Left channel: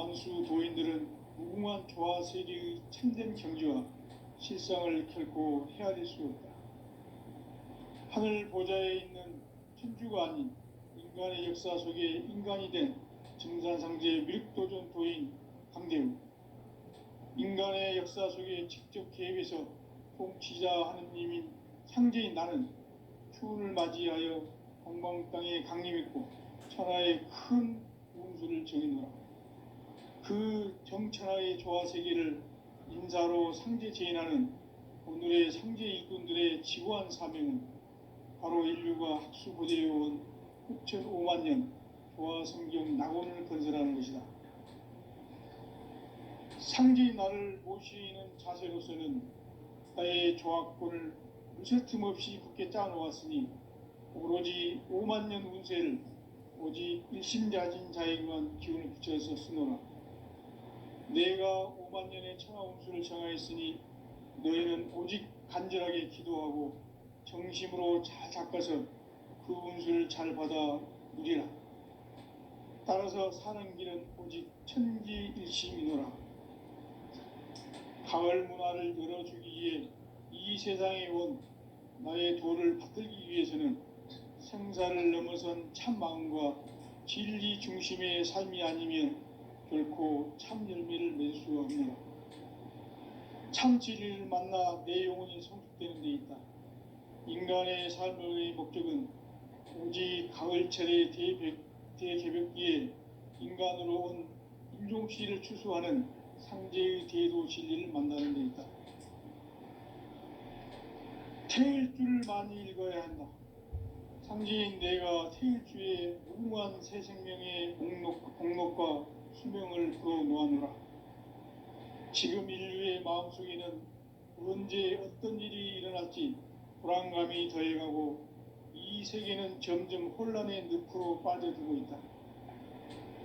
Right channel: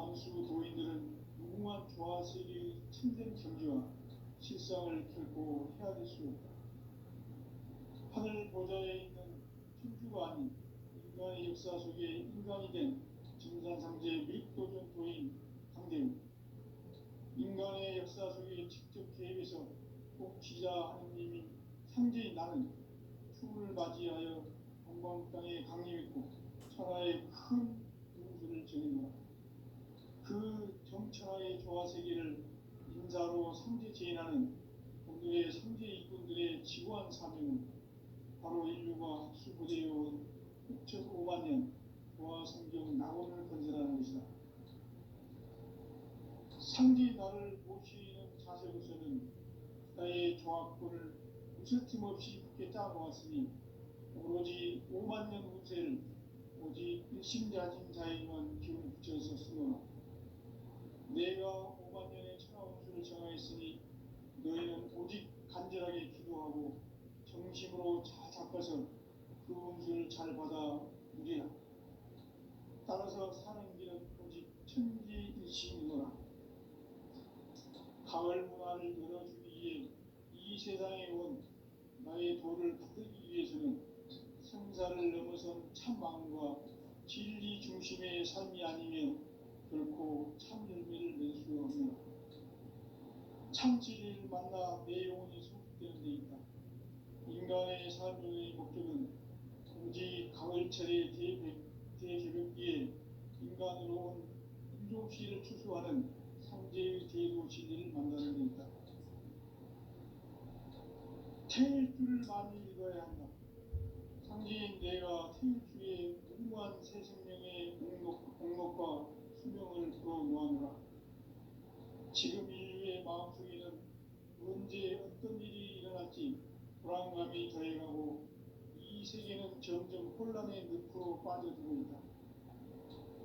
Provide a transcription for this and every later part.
만수 도인들은 무궁한 조화세계의 참된 경지와 실상을 결코 헤아릴 수 없다. 하늘 보좌에 있는 천주가 아닌 인간의 역사 속에 인간이 된 증산상제 미륵도전 도인 강대우, 인간의 역사 속에 직접 개입해서 통치자 하느님인 상제인 나는 추운을 맞이하여 동방 땅에 강림했고 천하의 큰 운수를 정해놓으라. 그 정천하의 조화세계를 인사로 상제 제인하는 오늘의 상제 일꾼들의 지구한 사명은 바로 인류가 학수 고대해온 6,500만 년 조화성경 낙원을 건설하는 것이다. 상제인 나를 모시는 자세로서는 나의 조합권을 무쇠 틈 없이 굳게 짜놓았으니 오로지 5만 년 운세를 오직 일심자진 자에게만 기운을 붙여서 쓰노라. 내가 5만 년의 천하 운수를 정하였으니 너희는 오직 간절하게 기도하고 정심으로 잘 닦아서 그 운수를 잘 받아 누리라. 따라서 사는 길은 오직 천지일심이노라. 가을 문화를 열어주기 위해 이 세상에 온 나의 도를 받들기 위해서는 생사를 넘어선 참 마음과 진리 중심의 삶이 아니면 결코 참 열매를 낼 수 없노라. 참 진리를 만나 내 영혼이 성숙되는 데 있다. 인간의 삶의 목적은 오직 가을철의 대개벽기에 인간으로 온 인종씨를 추수하는 상제의 대도 진리를 만나는 데 있다. 태일주를 많이 읽어야 한다. 상제인 내가 태일주의 무궁한 새 생명의 공록과 수명을 풀어 놓아노라. 지금 인류의 마음속에는 언제 어떤 일이 일어날지 불안감이 더해가고 이 세계는 점점 혼란의 늪으로 빠져들고 있다.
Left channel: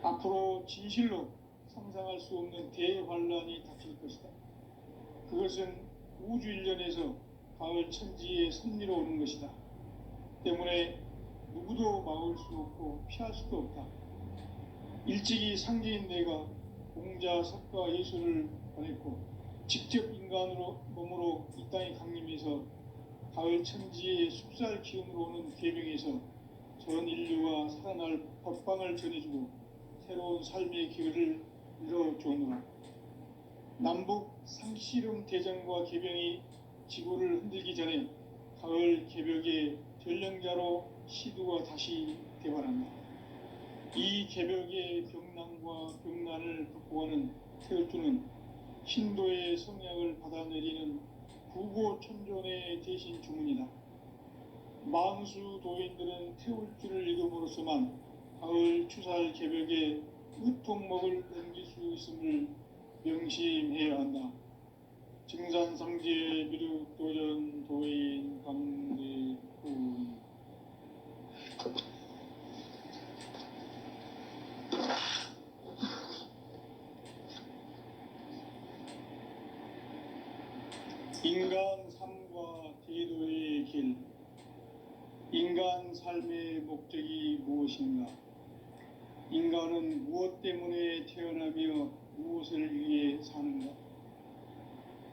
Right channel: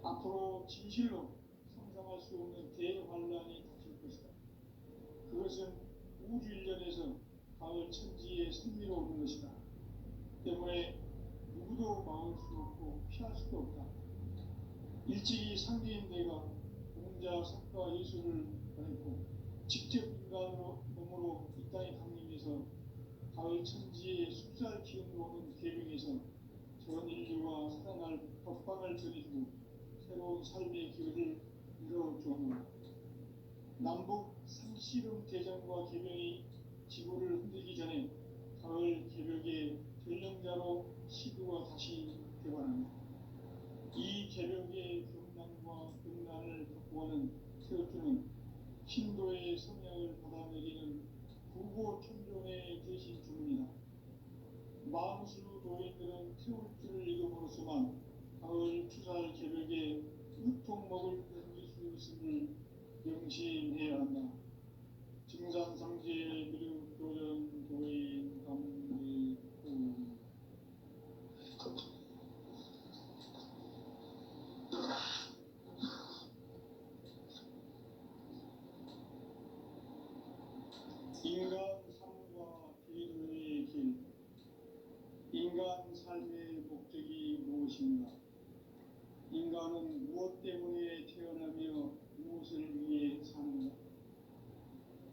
앞으로 진실로 상상할 수 없는 대환란이 닥칠 것이다. 그것은 우주 일련에서 가을 천지의 섭리로 오는 것이다. 때문에 누구도 막을 수 없고 피할 수도 없다. 일찍이 상제인 내가 공자, 석가, 예수를 보냈고 직접 인간으로 몸으로 이 땅에 강림해서 가을 천지의 숲살 기운으로 오는 계명에서 전 인류와 살아날 법방을 전해주고 새로운 삶의 기회를 열어주노라. 남북 상씨름 대전과 개병이 지구를 흔들기 전에 가을 개벽의 전령자로 시두가 다시 대발한다. 이 개벽의 병난과 병난을 극복하는 태울주는 신도의 성약을 받아내리는 구고천존의 대신 주문이다. 만수 도인들은 태울주를 읽음으로써만 가을 추살 개벽에 으통목을 넘길 수 있음을 명심해야 한다. 증산상제 미륵도전 도인 강대우. 인간 삶과 제도의 길. 인간 삶의 목적이 무엇인가? 인간은 무엇 때문에 태어나며 무엇을 위해 사는가?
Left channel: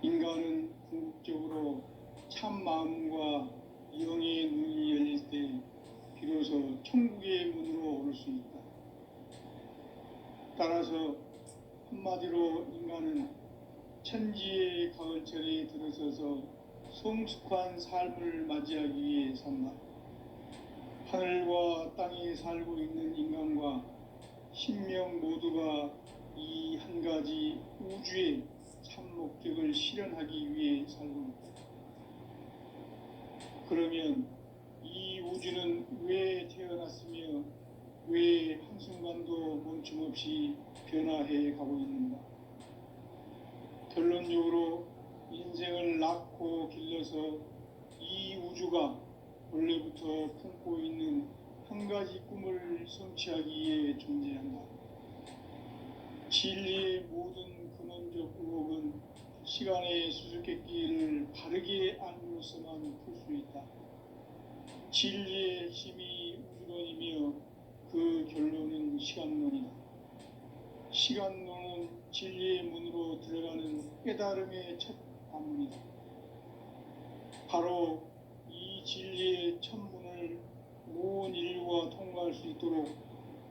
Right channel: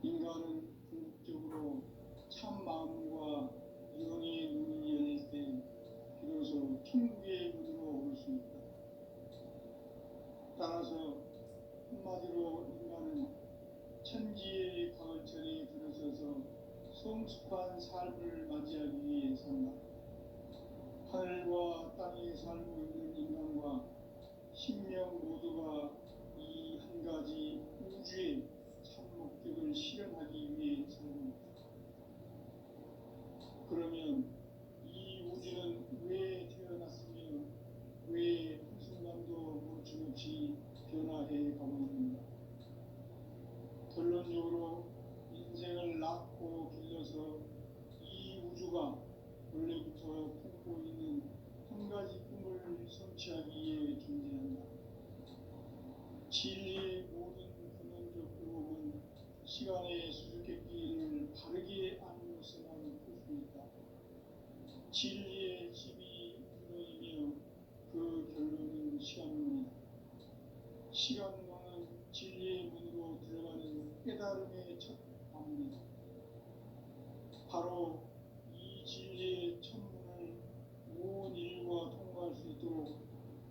인간은 궁극적으로 참 마음과 영의 눈이 열릴 때 비로소 천국의 문으로 올 수 있다. 따라서 한마디로 인간은 천지의 가을철에 들어서서 성숙한 삶을 맞이하기 위해 산다. 하늘과 땅에 살고 있는 인간과 신명 모두가 이 한 가지 우주의 참 목적을 실현하기 위해 살고 있다. 그러면 이 우주는 왜 태어났으며 왜 한순간도 멈춤없이 변화해 가고 있는가? 결론적으로 인생을 낳고 길러서 이 우주가 원래부터 품고 있는 한 가지 꿈을 성취하기 위해 존재한다. 진리의 모든 근원적 의혹은 시간의 수수께끼를 바르게 알므로서만 풀 수 있다. 진리의 힘이 우주론이며 그 결론은 시간론이다. 시간론은 진리의 문으로 들어가는 깨달음의 첫 관문이다. 바로 이 진리의 첫 문을 온 인류가 통과할 수 있도록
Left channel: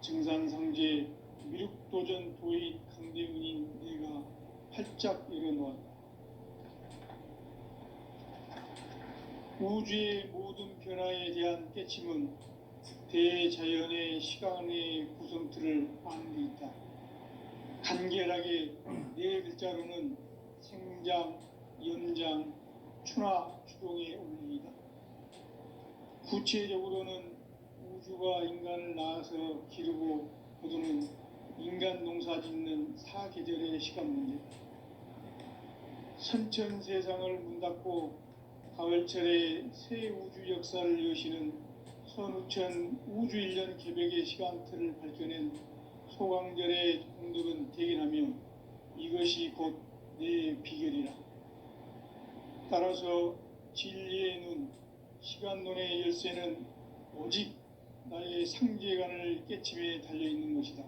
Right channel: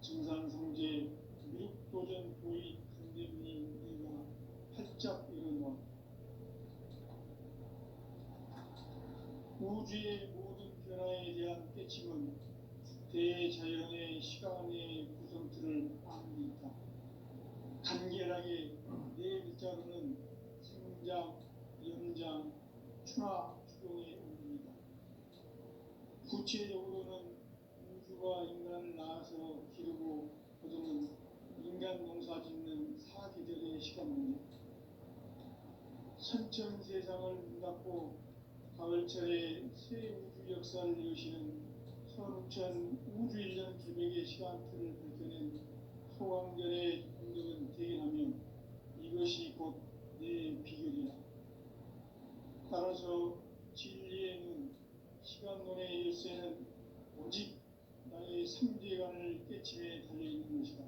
증산상제 미륵도전 도인 강대문인 내가 활짝 열어놓았다. 우주의 모든 변화에 대한 깨침은 대자연의 시간의 구성틀을 아는 데 있다. 간결하게 네 글자로는 생장, 연장, 추나 추동의 원리이다. 구체적으로는 우주가 인간을 낳아서 기르고 거두는 인간 농사 짓는 사계절의 시간 문제, 선천 세상을 문 닫고 가을철에 새 우주 역사를 여시는 선우천 우주 1년 개벽의 시간틀을 밝혀낸 소강절의 공덕은 대견하며 이것이 곧 내 비결이라. 따라서 진리의 눈, 시간론의 열쇠는 오직 나의 상제관을 깨침에 달려있는 것이다.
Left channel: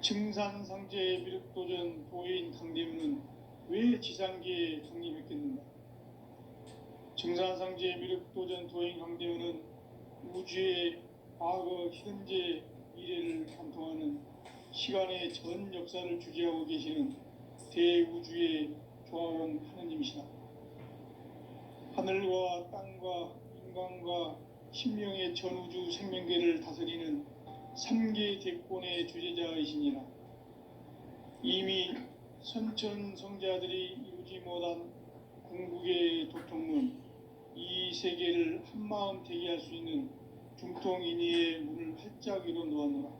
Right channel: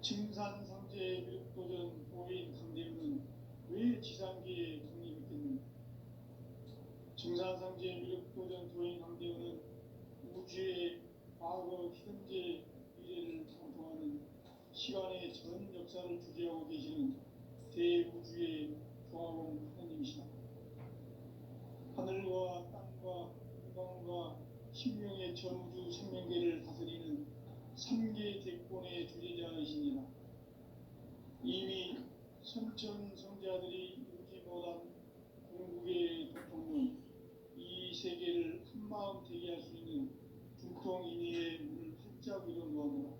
증산상제 미륵도전 도인 강대문은 왜 지상계에 독립했겠는가? 증산상제 미륵도전 도인 강대문은 우주의 과거, 현재, 미래를 관통하는 시간의 전 역사를 주재하고 계시는 대우주의 조화원 하느님이시다. 하늘과 땅과 인간과 신명의 전우주 생명계를 다스리는 3계 대권의 주재자이시니라. 이미 선천 성자들이 이루지 못한 궁극의 도통문, 이 세계를 한마음 되게 할 수 있는 중통인의의 문을 활짝 열어 놓았노라.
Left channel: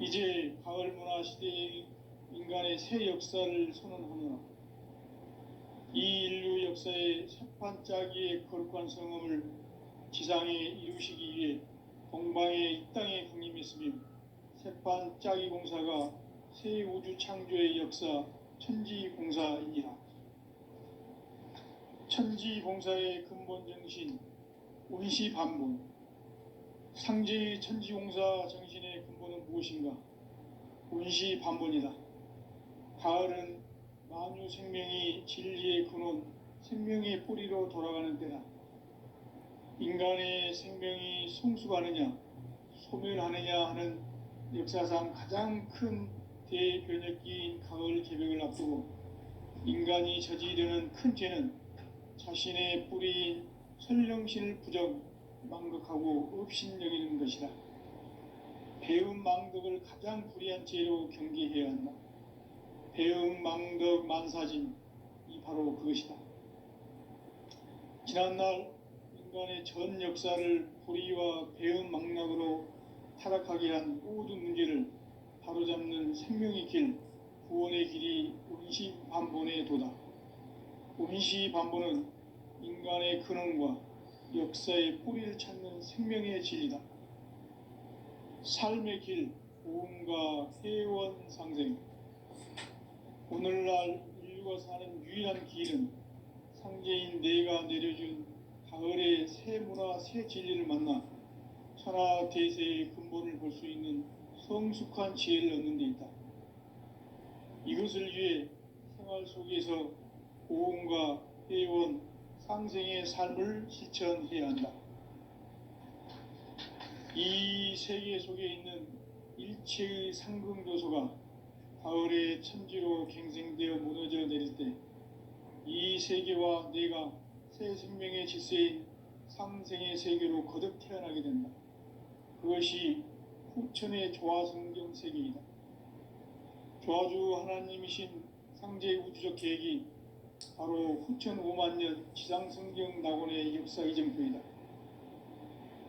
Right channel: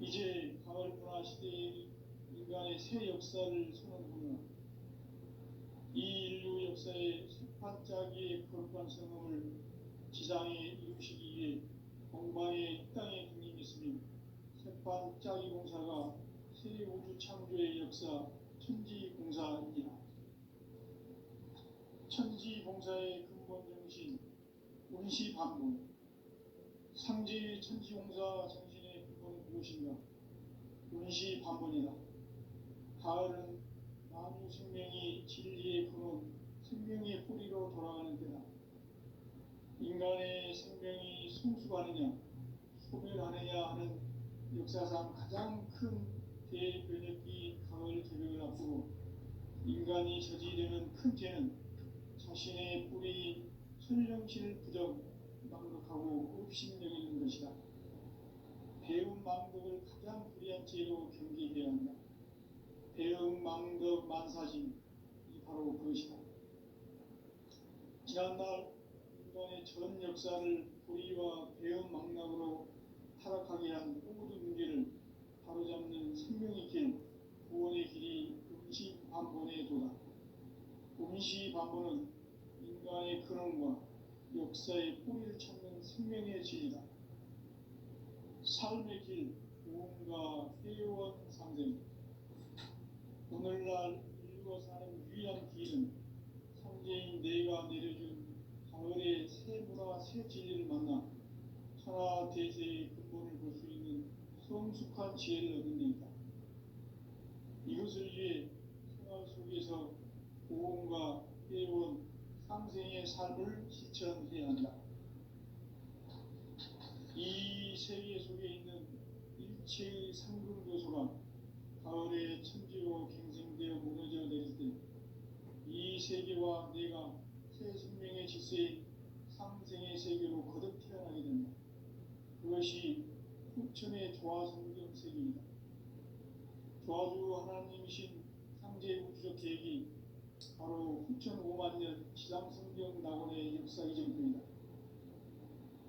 이제 가을 문화 시대의 인간의 새 역사를 선언하노라. 이 인류 역사의 새판짜기의 거룩한 성음을 지상에 이루시기 위해 동방의 이 땅에 강림했으며 새판짜기 공사가 새 우주 창조의 역사 천지공사이니라. 천지공사의 근본 정신 운시반본, 상제의 천지공사 정신의 근본은 무엇인가? 운시반본이다. 가을은 만유 생명이 진리의 근원, 생명의 뿌리로 돌아가는 때다. 인간의 생명이 성숙하느냐, 소멸하느냐 하는 역사상 가장 큰 대변혁기인 가을 개벽을 앞두고 인간이 저지르는 큰 죄는 자신의 뿌리인 설령신을 부정, 망극하고 업신여기는 것이다. 배음 망덕을 가장 불의한 죄로 경계해야 한다. 배음 망덕 만사진, 이 바로 그것이다. 지난날 인간의 전 역사를 불의와 배음 망락으로 타락하게 한 모든 문제를 바로잡는 생명의 길, 구원의 길이 운시반본의 도다. 운시반본은 인간의 근원과 역사의 뿌리를 찾는 생명의 진리다. 삶의 길, 보험과 회원 상생. 오늘날 인류가 사는 유일한 길은 상제인 내가 내려준 가을의 새 문화, 새 진리를 만나 천하 대세의 근본을 볼 수 있는 성숙한 지혜를 얻는 데 있다. 이것을 위해 생활 속에서 보험과 회원, 상생의 삶을 실천해야 한다. 이 세계 속에 있는 일체의 상금조소가 가을의 천지로 갱생되어 무너져 내릴 때 이 세계와 내가 새 생명의 질서인 상생의 세계로 거듭 태어나게 된다. 그것이 후천의 조화성경 세계이다. 조화주 하나님이신 상제 우주적 계획이 바로 후천 5만년 지상성경 낙원의 역사 이정표이다.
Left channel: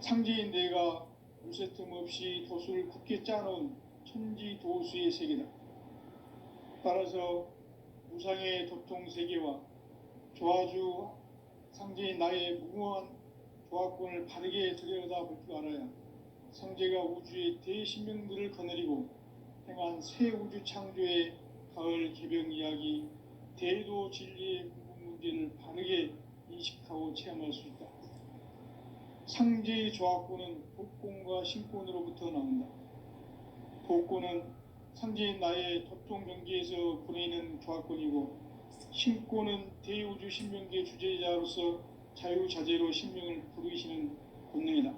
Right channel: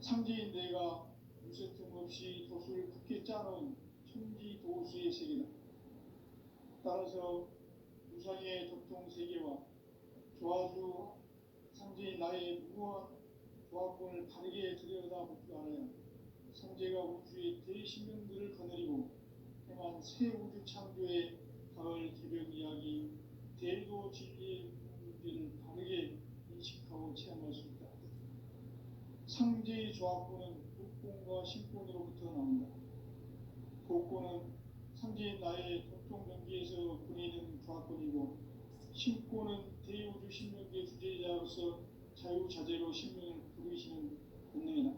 상제인 내가 무쇠틈 없이 도수를 굳게 짜놓은 천지도수의 세계다. 따라서 무상의 도통세계와 조화주 상제인 나의 무모한 조화권을 바르게 들여다볼 줄 알아야 상제가 우주의 대신명들을 거느리고 행한 새 우주 창조의 가을 개벽 이야기, 대도 진리의 문제를 바르게 인식하고 체험할 수 있다. 상제의 조화권은 복권과 신권으로부터 나온다. 복권은 상징인 나의 토종 경기에서 보내는 조합권이고, 신권은 대우주 신명기의 주제자로서 자유자재로 신명을 부르시는 본능이다.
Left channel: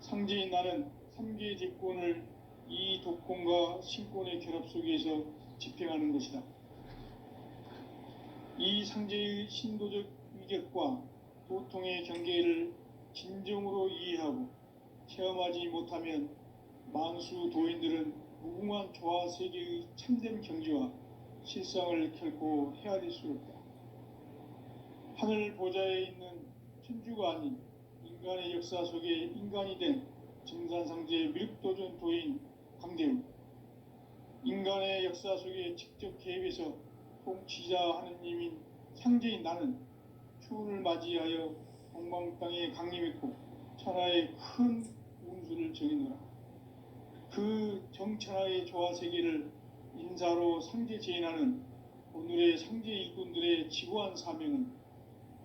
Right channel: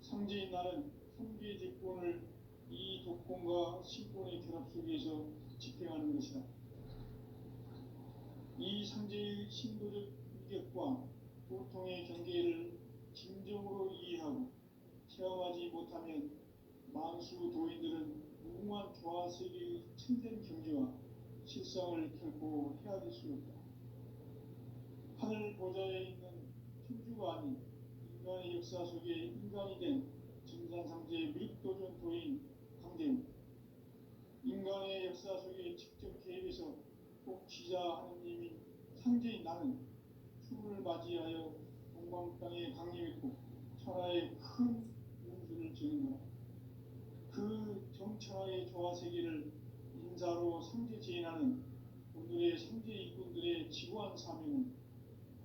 상징인 나는 3개의 대권을 이 독권과 신권의 결합 속에서 집행하는 것이다. 이 상제의 신도적 위격과 도통의 경계를 진정으로 이해하고 체험하지 못하면 만수 도인들은 무궁한 조화 세계의 참된 경지와 실상을 결코 헤아릴 수 없다. 하늘 보좌에 있는 천주가 아닌 인간의 역사 속에 인간이 된 증산상제 미륵도전 도인 강대우, 인간의 역사 속에 직접 개입해서 통치자 하느님인 상제인 나는 추운을 맞이하여 동방 땅에 강림했고 천하의 큰 운수를 정해노라. 그 정천하의 조화 세계를 인사로 상제 제인하는 오늘의 상제 일꾼들의 지구한 사명은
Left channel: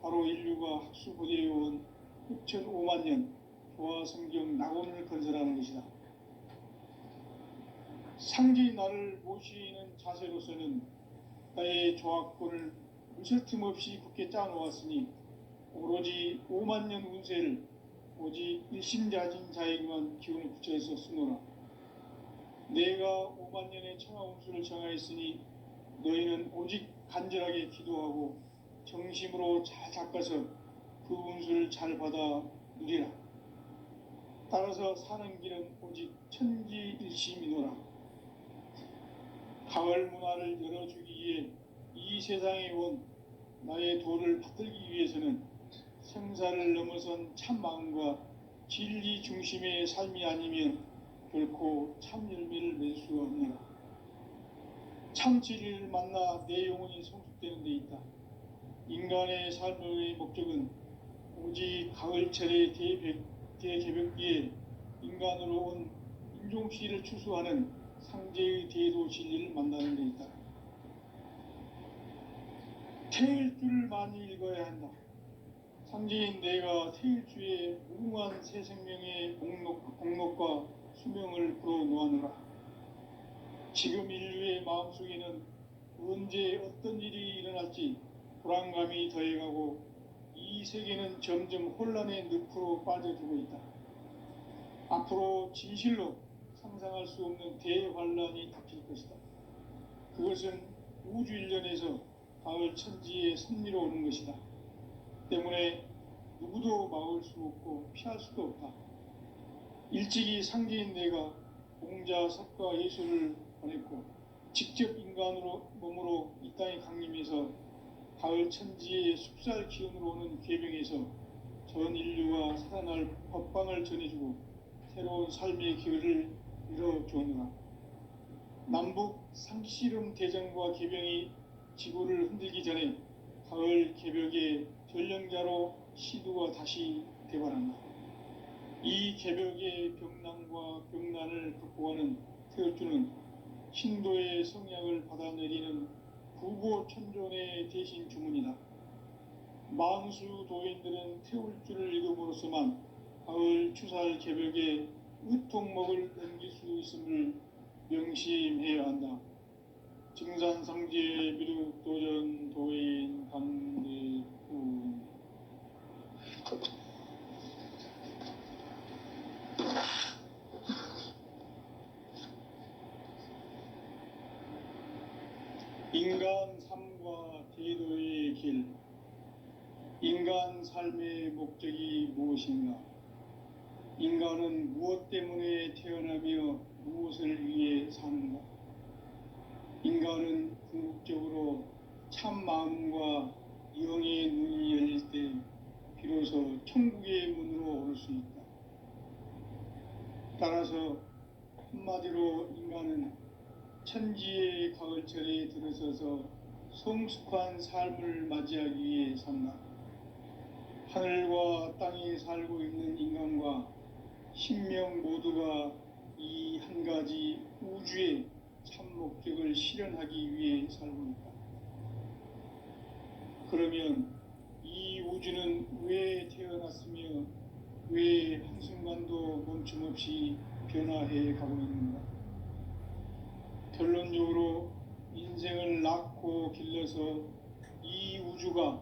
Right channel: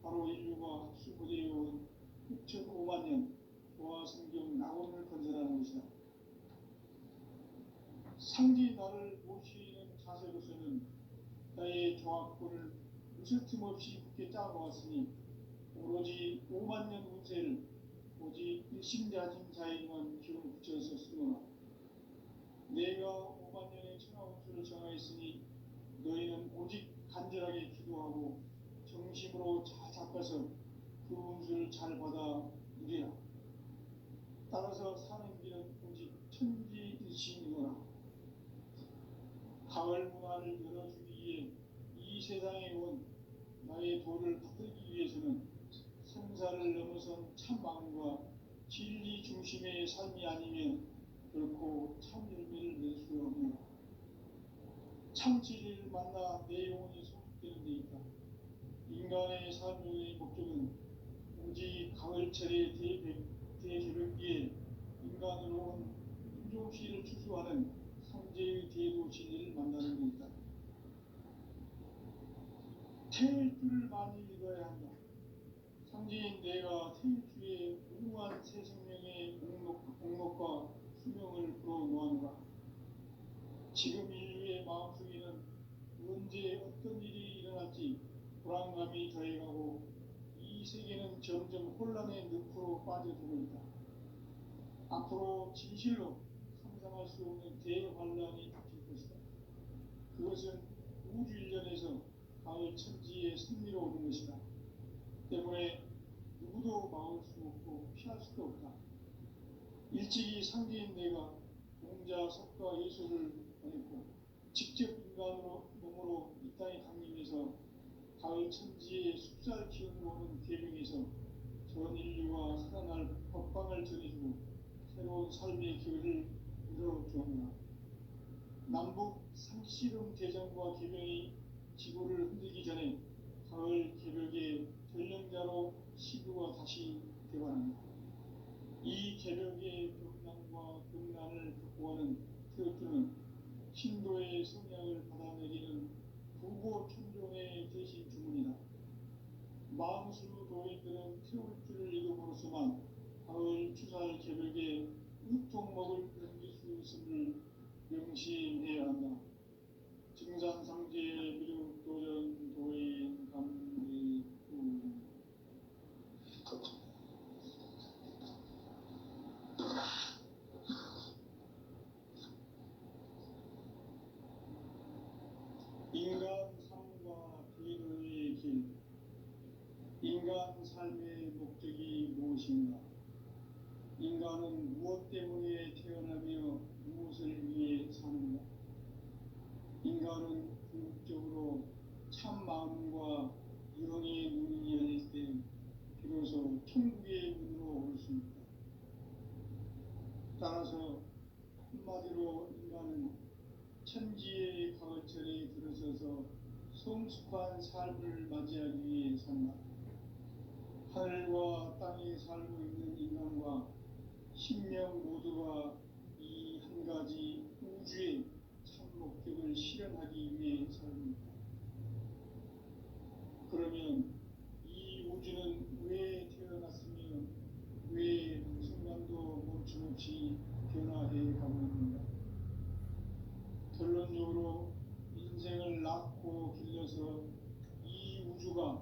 바로 인류가 학수고대해온 6,500만 년 조화 성경 낙원을 건설하는 것이다. 상제인 나를 모시는 자세로서는 나의 조합권을 무설틈 없이 굳게 짜놓았으니 오로지 5만 년 운세를 오직 일심자진 자에게만 기운을 붙여서 쓰노라. 내가 5만 년의 천하 운수를 정하였으니 너희는 오직 간절하게 기도하고 정심으로 잘 닦아서 그 운수를 잘 받아 누리라. 따라서 사는 길은 오직 천지일심이노라. 가을 문화를 열어주기 위해 이 세상에 온 나의 도를 받들기 위해서는 생사를 넘어선 참 마음과 진리 중심의 삶이 아니면 결코 참 열매를 맺을 수가 없노라. 참 진리를 만나 내 영혼이 성숙되는 데 있다. 인간의 삶의 목적은 오직 가을철의 대개벽기에 인간으로 온 인종시를 추수하는 상제의 대도 진리를 만나는 데 있다. 태일주를 많이 읽어야 한다. 상제인 내가 태일주의 무궁한 새 생명의 공록과 수명을 불어놓아노라. 지금 인류의 마음속에는 언제 어떤 일이 일어날지 불안감이 더해가고 이 세계는 점점 혼란의 늪으로 빠져들고 있다. 앞으로 진실로 상상할 수 없는 대환란이 닥칠 것이다. 그것은 우주 일련에서 가을 천지의 섭리로 오는 것이다. 때문에 누구도 막을 수 없고 피할 수도 없다. 일찍이 상제인 내가 공자, 석가, 예수를 보냈고 직접 인간으로 몸으로 이 땅에 강림해서 가을 천지의 숙살 기운으로 오는 계병에서 전 인류가 살아날 법방을 전해주고 새로운 삶의 기회를 열어주었노라. 남북 상씨름 대전과 계병이 지구를 흔들기 전에 가을 개벽의 전령자로 시두가 다시 대관한다. 이 개벽의 병난과 병난을 극복하는 태울주는 신도의 성약을 받아내리는 구보천존의 대신 주문이다. 만수 도인들은 태울주를 읽음으로써만 가을 추살 개벽의 의통목을 넘길 수 있음을 명심해야 한다. 증산상제 미륵도전 도인 강대훈. 인간 삶과 대도의 길. 인간 삶의 목적이 무엇인가? 인간은 무엇 때문에 태어나며 무엇을 위해 사는가? 인간은 궁극적으로 참 마음과 영의 눈이 열릴 때 비로소 천국의 문으로 오를 수 있다. 따라서 한마디로 인간은 천지의 가을철에 들어서서 성숙한 삶을 맞이하기 위해 산다. 하늘과 땅에 살고 있는 인간과 신명 모두가 이 한 가지 우주의 참 목적을 실현하기 위해 살고 있다. 그러면 이 우주는 왜 태어났으며 왜 한순간도 멈춤없이 변화해 가고 있는가? 결론적으로 인생을 낳고 길러서 이 우주가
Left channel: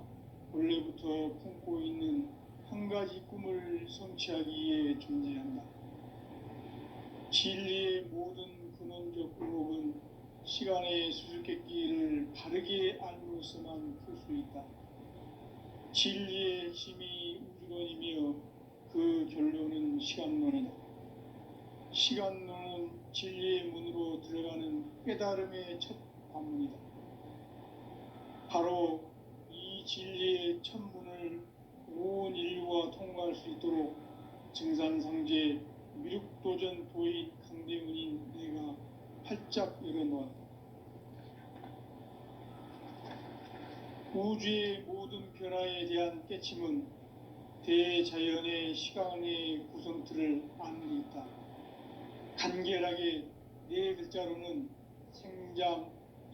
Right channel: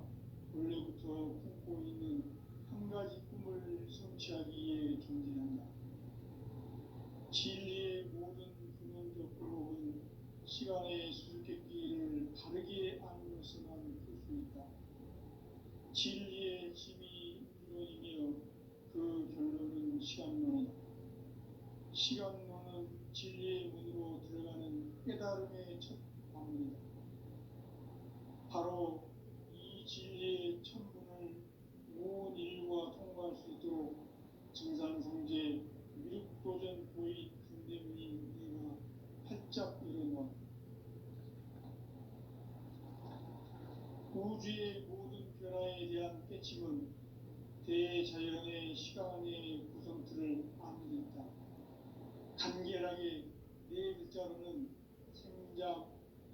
원래부터 품고 있는 한 가지 꿈을 성취하기 위해 존재한다. 진리의 모든 근원적 방법은 시간의 수수께끼를 바르게 알고서만 풀 수 있다. 진리의 힘이 우주론이며 그 결론은 시간론이다. 시간론은 진리의 문으로 들어가는 깨달음의 첫 관문이다. 바로 이 진리의 첫 문을 온 인류가 통과할 수 있도록 증산상제 미륵도전 도인 강대문인 내가 활짝 열어놓았다. 우주의 모든 변화에 대한 깨침은 대자연의 시간의 구성틀을 아는 데 있다. 간결하게 네 글자로는 생장,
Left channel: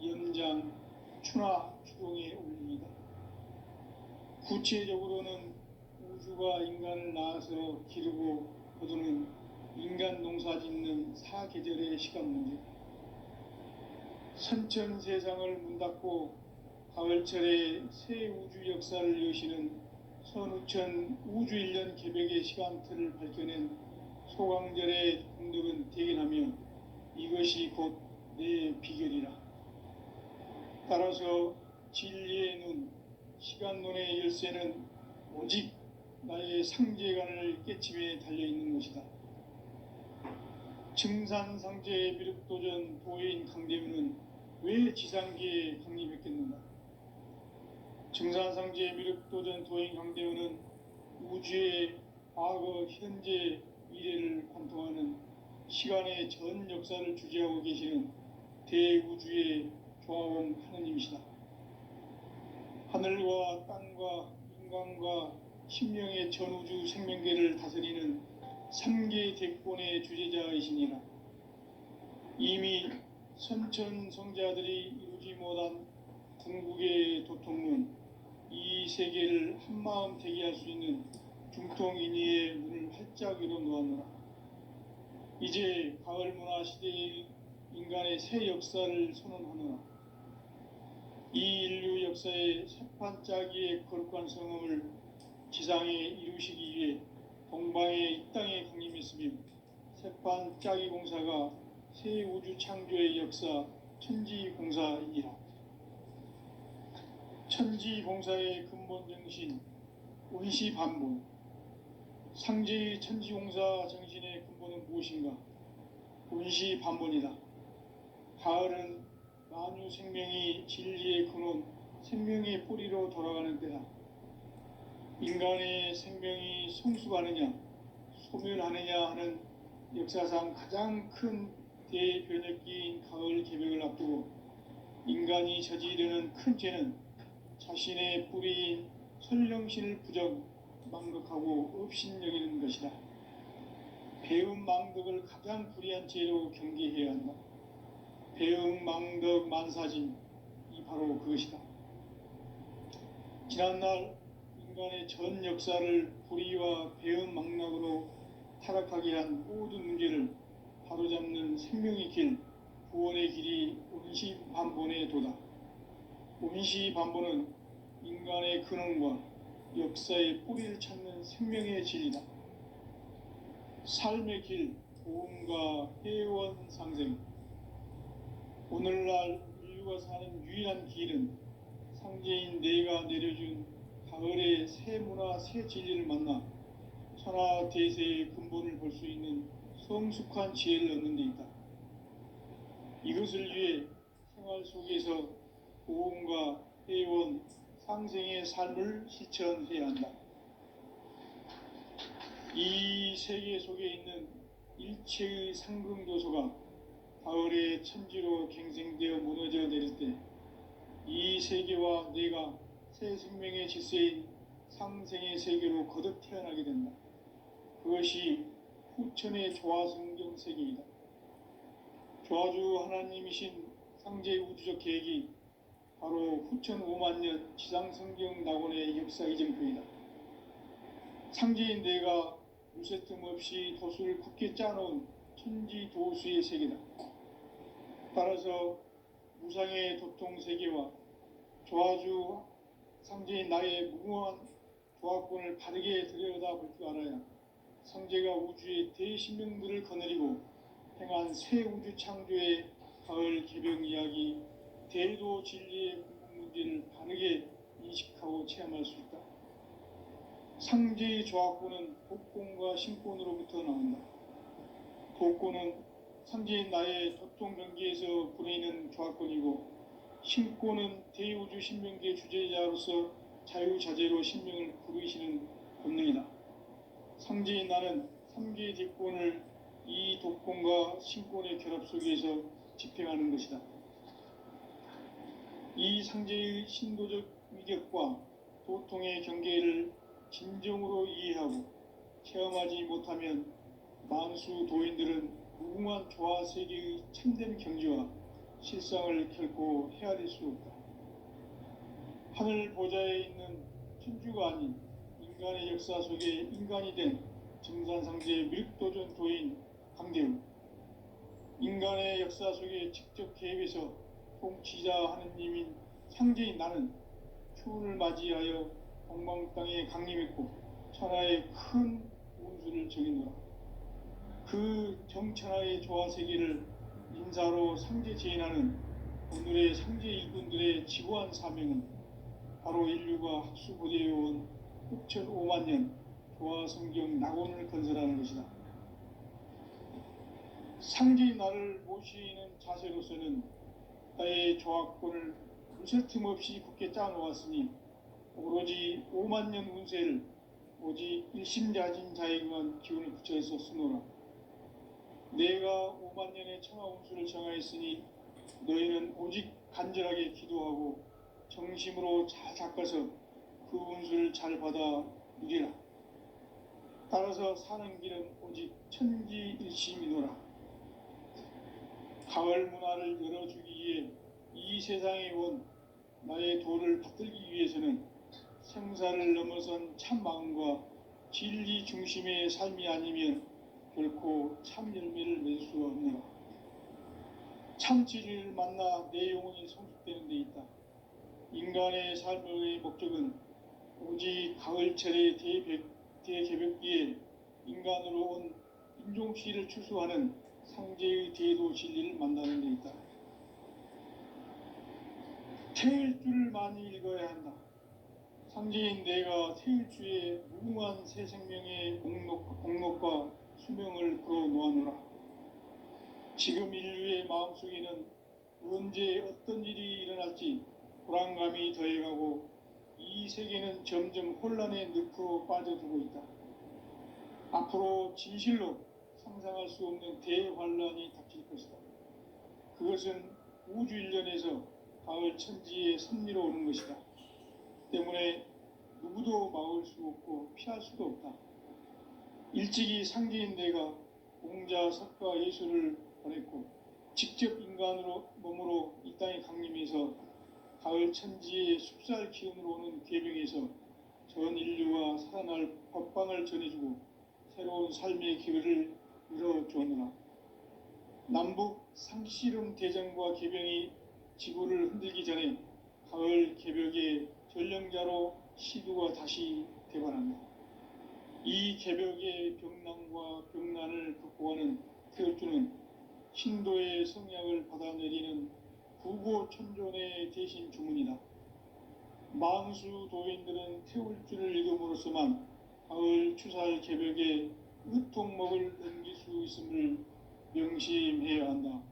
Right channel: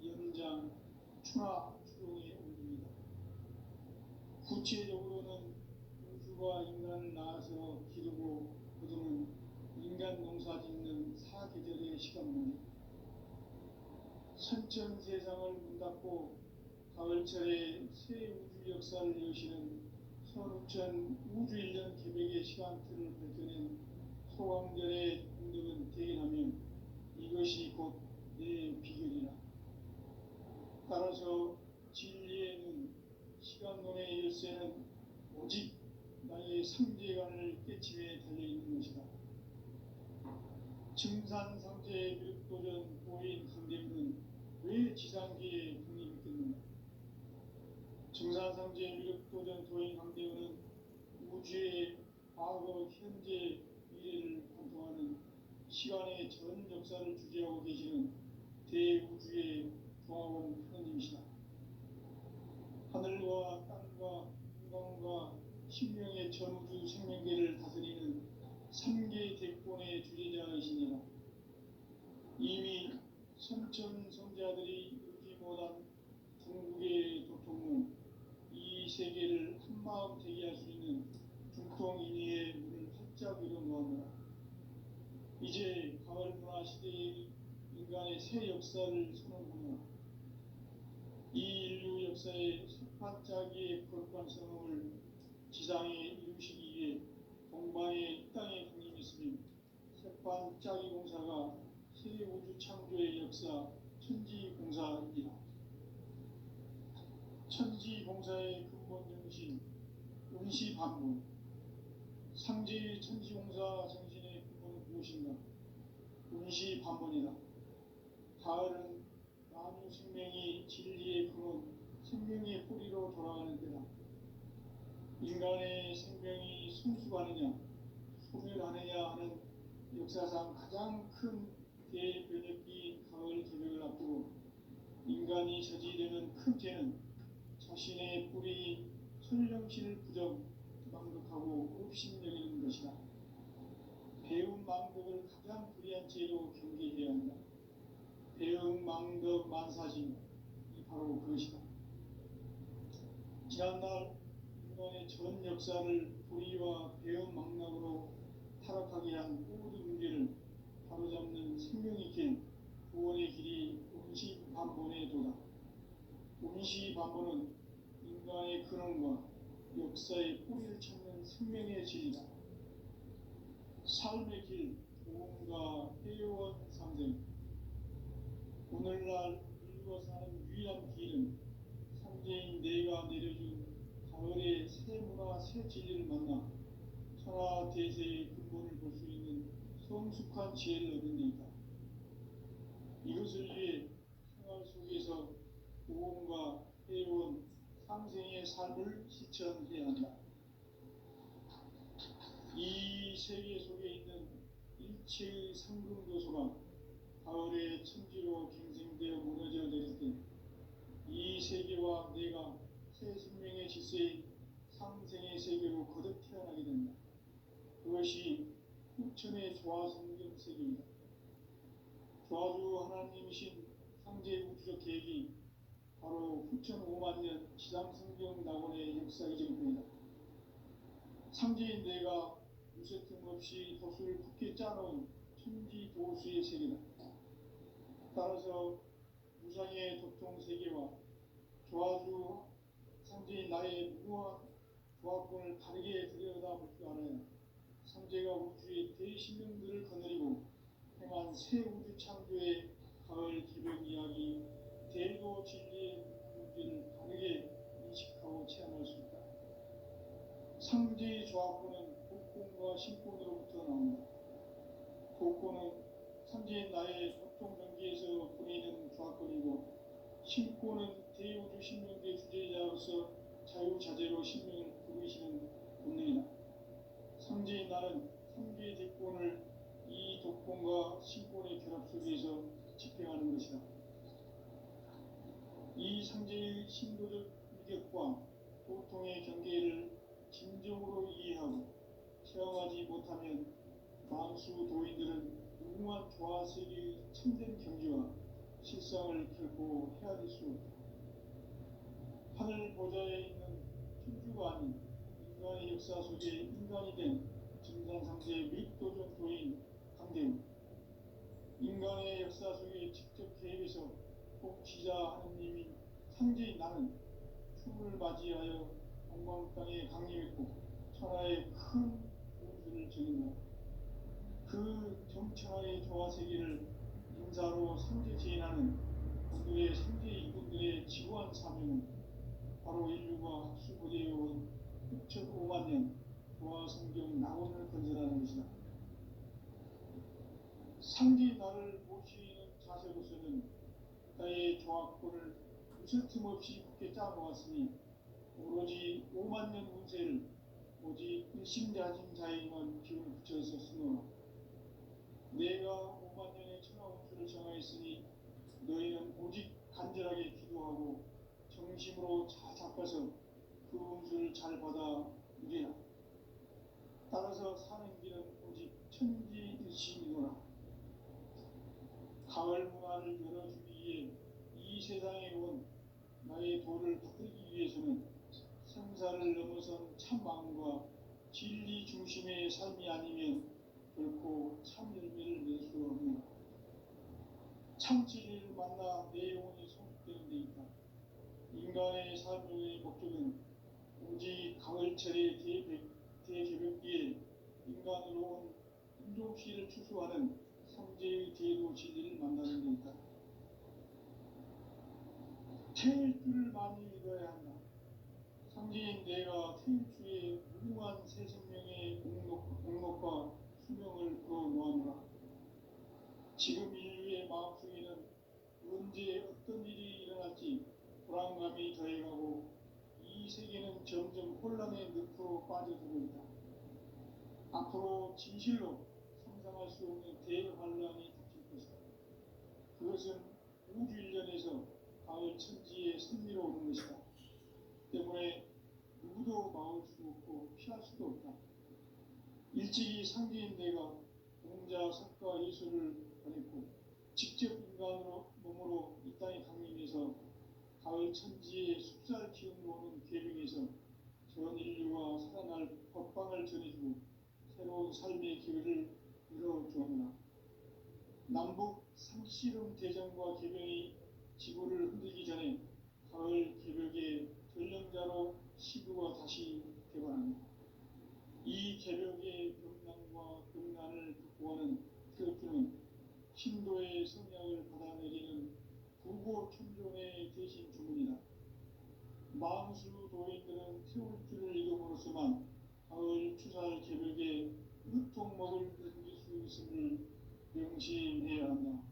연장, 추나 추동에 올립니다. 구체적으로는 우주가 인간을 낳아서 기르고 거두는 인간 농사 짓는 사계절의 시간 문제, 선천 세상을 문 닫고 가을철에 새 우주 역사를 여시는 선우천 우주일년 개벽의 시간틀을 밝혀낸 소강절의 공덕은 대견하며 이것이 곧 내 비결이라. 따라서 진리의 눈, 시간론의 열쇠는 오직 나의 상제관을 깨침에 달려있는 것이다. 증산상제의 미륵도전 도인 강대문은 왜 지상계에 강림했겠는가? 증산상제의 미륵도전 도인 강대문은 우주의 과거, 현재, 미래를 관통하는 시간의 전 역사를 주재하고 계시는 대우주의 조화원 하느님이시다. 하늘과 땅과 인간과 신명의 전우주 생명계를 다스리는 3개 대권의 주제자이시니라. 이미 선천 성자들이 이루지 못한 궁극의 도통문, 이 세계를 한마음 되게 할 수 있는 중통인의의 문을 활짝 열어놓았노라. 이제 가을 문화 시대의 인간의 새 역사를 선언하노라. 이 인류 역사의 새판짜기의 거룩한 성음을 지상에 이루시기 위해 동방의 이 땅에 강림했으며 새판짜기 공사가 새 우주 창조의 역사 천지공사이니라. 천지공사의 근본 정신 운시반본, 상제의 천지공사 정신의 근본은 무엇인가? 운시반본이다. 가을은 만유 생명이 진리의 근원, 생명의 뿌리로 돌아가는 때다. 인간의 생명이 성숙하느냐, 소멸하느냐 하는 역사상 가장 큰 대변혁기인 가을 개벽을 앞두고 인간이 저지르는 큰 죄는 자신의 뿌리인 설령신을 부정, 망극하고 업신여기는 것이다. 배음 망덕을 가장 불의한 죄로 경계해야 한다. 배음 망덕 만사진, 이 바로 그것이다. 지난날 인간의 전 역사를 불의와 배음 망락으로 타락하게 한 모든 문제를 바로잡는 생명의 길, 구원의 길이 운시반본의 도다. 운시반본은 인간의 근원과 역사의 뿌리를 찾는 생명의 진리다. 삶의 길, 보험과 회원 상생. 오늘날 인류가 사는 유일한 길은 상제인 내가 내려준 가을의 새 문화, 새 진리를 만나 천하 대세의 근본을 볼 수 있는 성숙한 지혜를 얻는 데 있다. 이것을 위해 생활 속에서 보험과 회원, 상생의 삶을 실천해야 한다. 이 세계 속에 있는 일체의 상승도소가 가을의 천지로 갱생되어 무너져 내릴 때 이 세계와 내가 새 생명의 질서인 상생의 세계로 거듭 태어나게 된다. 그것이 후천의 조화성경 세계이다. 조화주 하나님이신 상제 우주적 계획이 바로 후천 5만년 지상성경 낙원의 역사 이정표이다. 상제인 내가 무쇠 틈 없이 도수를 굳게 짜놓은 천지도수의 세계다. 따라서 무상의 도통 세계와 조화주 상제인 나의 무궁한 조화권을 바르게 들여다볼 줄 알아야 성제가 우주의 대신명들을 거느리고 행한 새 우주 창조의 가을 개병 이야기, 대도 진리의 문제를 바르게 인식하고 체험할 수 있다. 상제의 조화권은 복권과 신권으로부터 나온다. 복권은 상제인 나의 도통 경계에서 보내는 조화권이고, 신권은 대우주 신명계 주제자로서 자유자재로 신명을 부르시는 본능이다. 상제인 나는 3개의 대권을 이 독권과 신권의 결합 속에서 집행하는 것이다. 이 상제의 신도적 위격과 도통의 경계를 진정으로 이해하고 체험하지 못하면 만수 도인들은 무궁한 조화 세계의 참된 경지와 실상을 결코 헤아릴 수 없다. 하늘 보좌에 있는 천주가 아닌 인간의 역사 속에 인간이 된 정산상제의 밀도전 도인 강대우, 인간의 역사 속에 직접 개입해서 통치자 하느님인 상제인 나는 추운을 맞이하여 동방 땅에 강림했고 천하의 큰 운수를 정인노라. 그 정천하의 조화 세계를 인사로 상제 제인하는 오늘의 상제 일꾼들의 지고한 사명은 바로 인류가 학수고대해온 흑천 5만 년 조화 성경 낙원을 건설하는 것이다. 상제인 나를 모시는 자세로서는 나의 조화권을 무술 틈 없이 굳게 짜놓았으니 오로지 5만 년 운세를 오직 일심자진 자에게만 기운을 붙여서 쓰노라. 내가 5만 년의 천하 운수를 정하였으니 너희는 오직 간절하게 기도하고 정심으로 잘 닦아서 그 운수를 잘 받아 누리라. 따라서 사는 길은 오직 천지일심이노라. 가을 문화를 열어주기 위해 이 세상에 온 나의 도를 받들기 위해서는 생사를 넘어선 참 마음과 진리 중심의 삶이 아니면 결코 참 열매를 낼 수 없노라. 참 진리를 만나 내 영혼이 성숙되는 데 있다. 인간의 삶의 목적은 오직 가을철의 대개벽기에 인간으로 온 인종시를 추수하는 상제의 대도 진리를 만나는 데 있다. 태일주를 많이 읽어야 한다. 상제인 내가 태일주의 무궁한 새 생명의 공록과 수명을 불어놓아노라. 지금 인류의 마음속에는 언제 어떤 일이 일어날지 불안감이 더해가고 이 세계는 점점 혼란의 늪으로 빠져들고 있다. 앞으로 진실로 상상할 수 없는 대환란이 닥칠 것이다. 그것은 우주 일련에서 가을 천지의 섭리로 오는 것이다. 때문에 누구도 막을 수 없고 피할 수도 없다. 일찍이 상제인 내가 공자, 석가, 예수를 보냈고 직접 인간으로 몸으로 이 땅에 강림해서 가을 천지의 숲살 기운으로 오는 계명에서 전 인류와 살아날 법방을 전해주고 새로운 삶의 기회를 열어주었노라. 남북 상씨름 대전과 개병이 지구를 흔들기 전에 가을 개벽의 전령자로 시두가 다시 대관한다. 이 개벽의 병난과 병난을 극복하는 태울주는 신도의 성약을 받아내리는 구보천존의 대신 주문이다. 만수 도인들은 태울주를 읽음으로써만 가을 추살 개벽의 으통목을 넘길 수 있음을 명심해야 한다.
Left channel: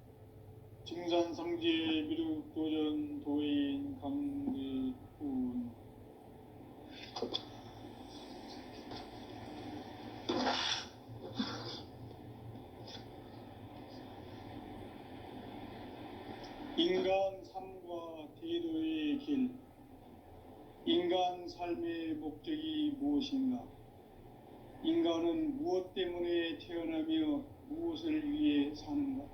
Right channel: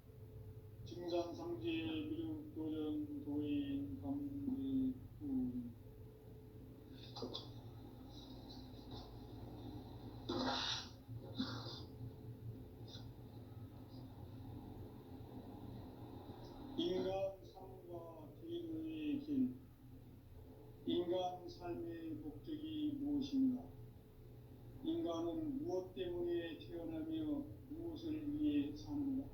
증산상제 미륵도전 도인 강대훈. 인간 삶과 대도의 길. 인간 삶의 목적이 무엇인가? 인간은 무엇 때문에 태어나며 무엇을 위해 사는가?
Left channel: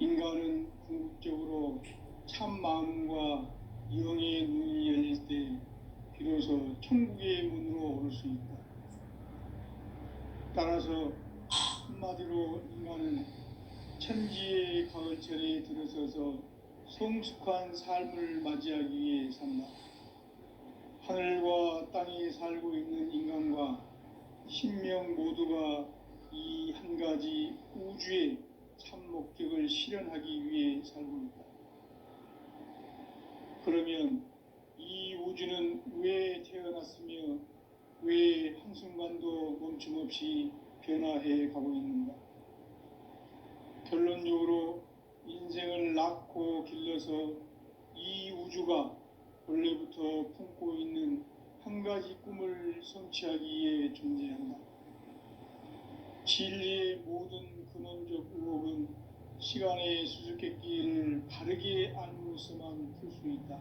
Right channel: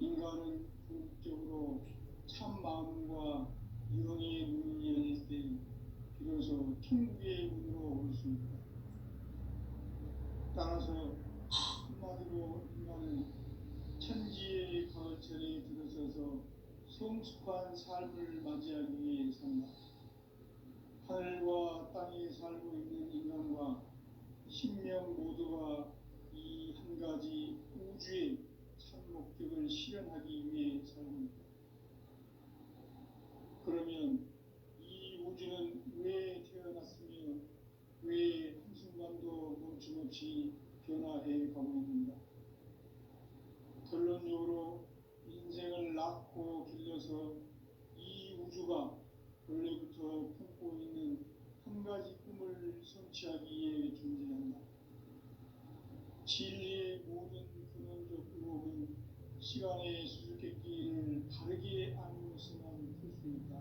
인간은 궁극적으로 참 마음과 영의 눈이 열릴 때 비로소 천국의 문으로 올 수 있다. 따라서 한마디로 인간은 천지의 가을철에 성숙한 삶을 맞이하기 위해 산다. 하늘과 땅에 살고 있는 인간과 신명 모두가 이 한 가지 우주의 참 목적을 실현하기 위해 살고 있다. 그러면 이 우주는 왜 태어났으며 왜 한순간도 멈춤없이 변화해 가고 있는가? 결론적으로 인생을 낳고 길러서 이 우주가 원래부터 품고 있는 한 가지 꿈을 성취하기 위해 존재한다. 진리의 모든 근원적 의혹은 시간의 수수께끼를 바르게 알므로서만 풀 수 있다.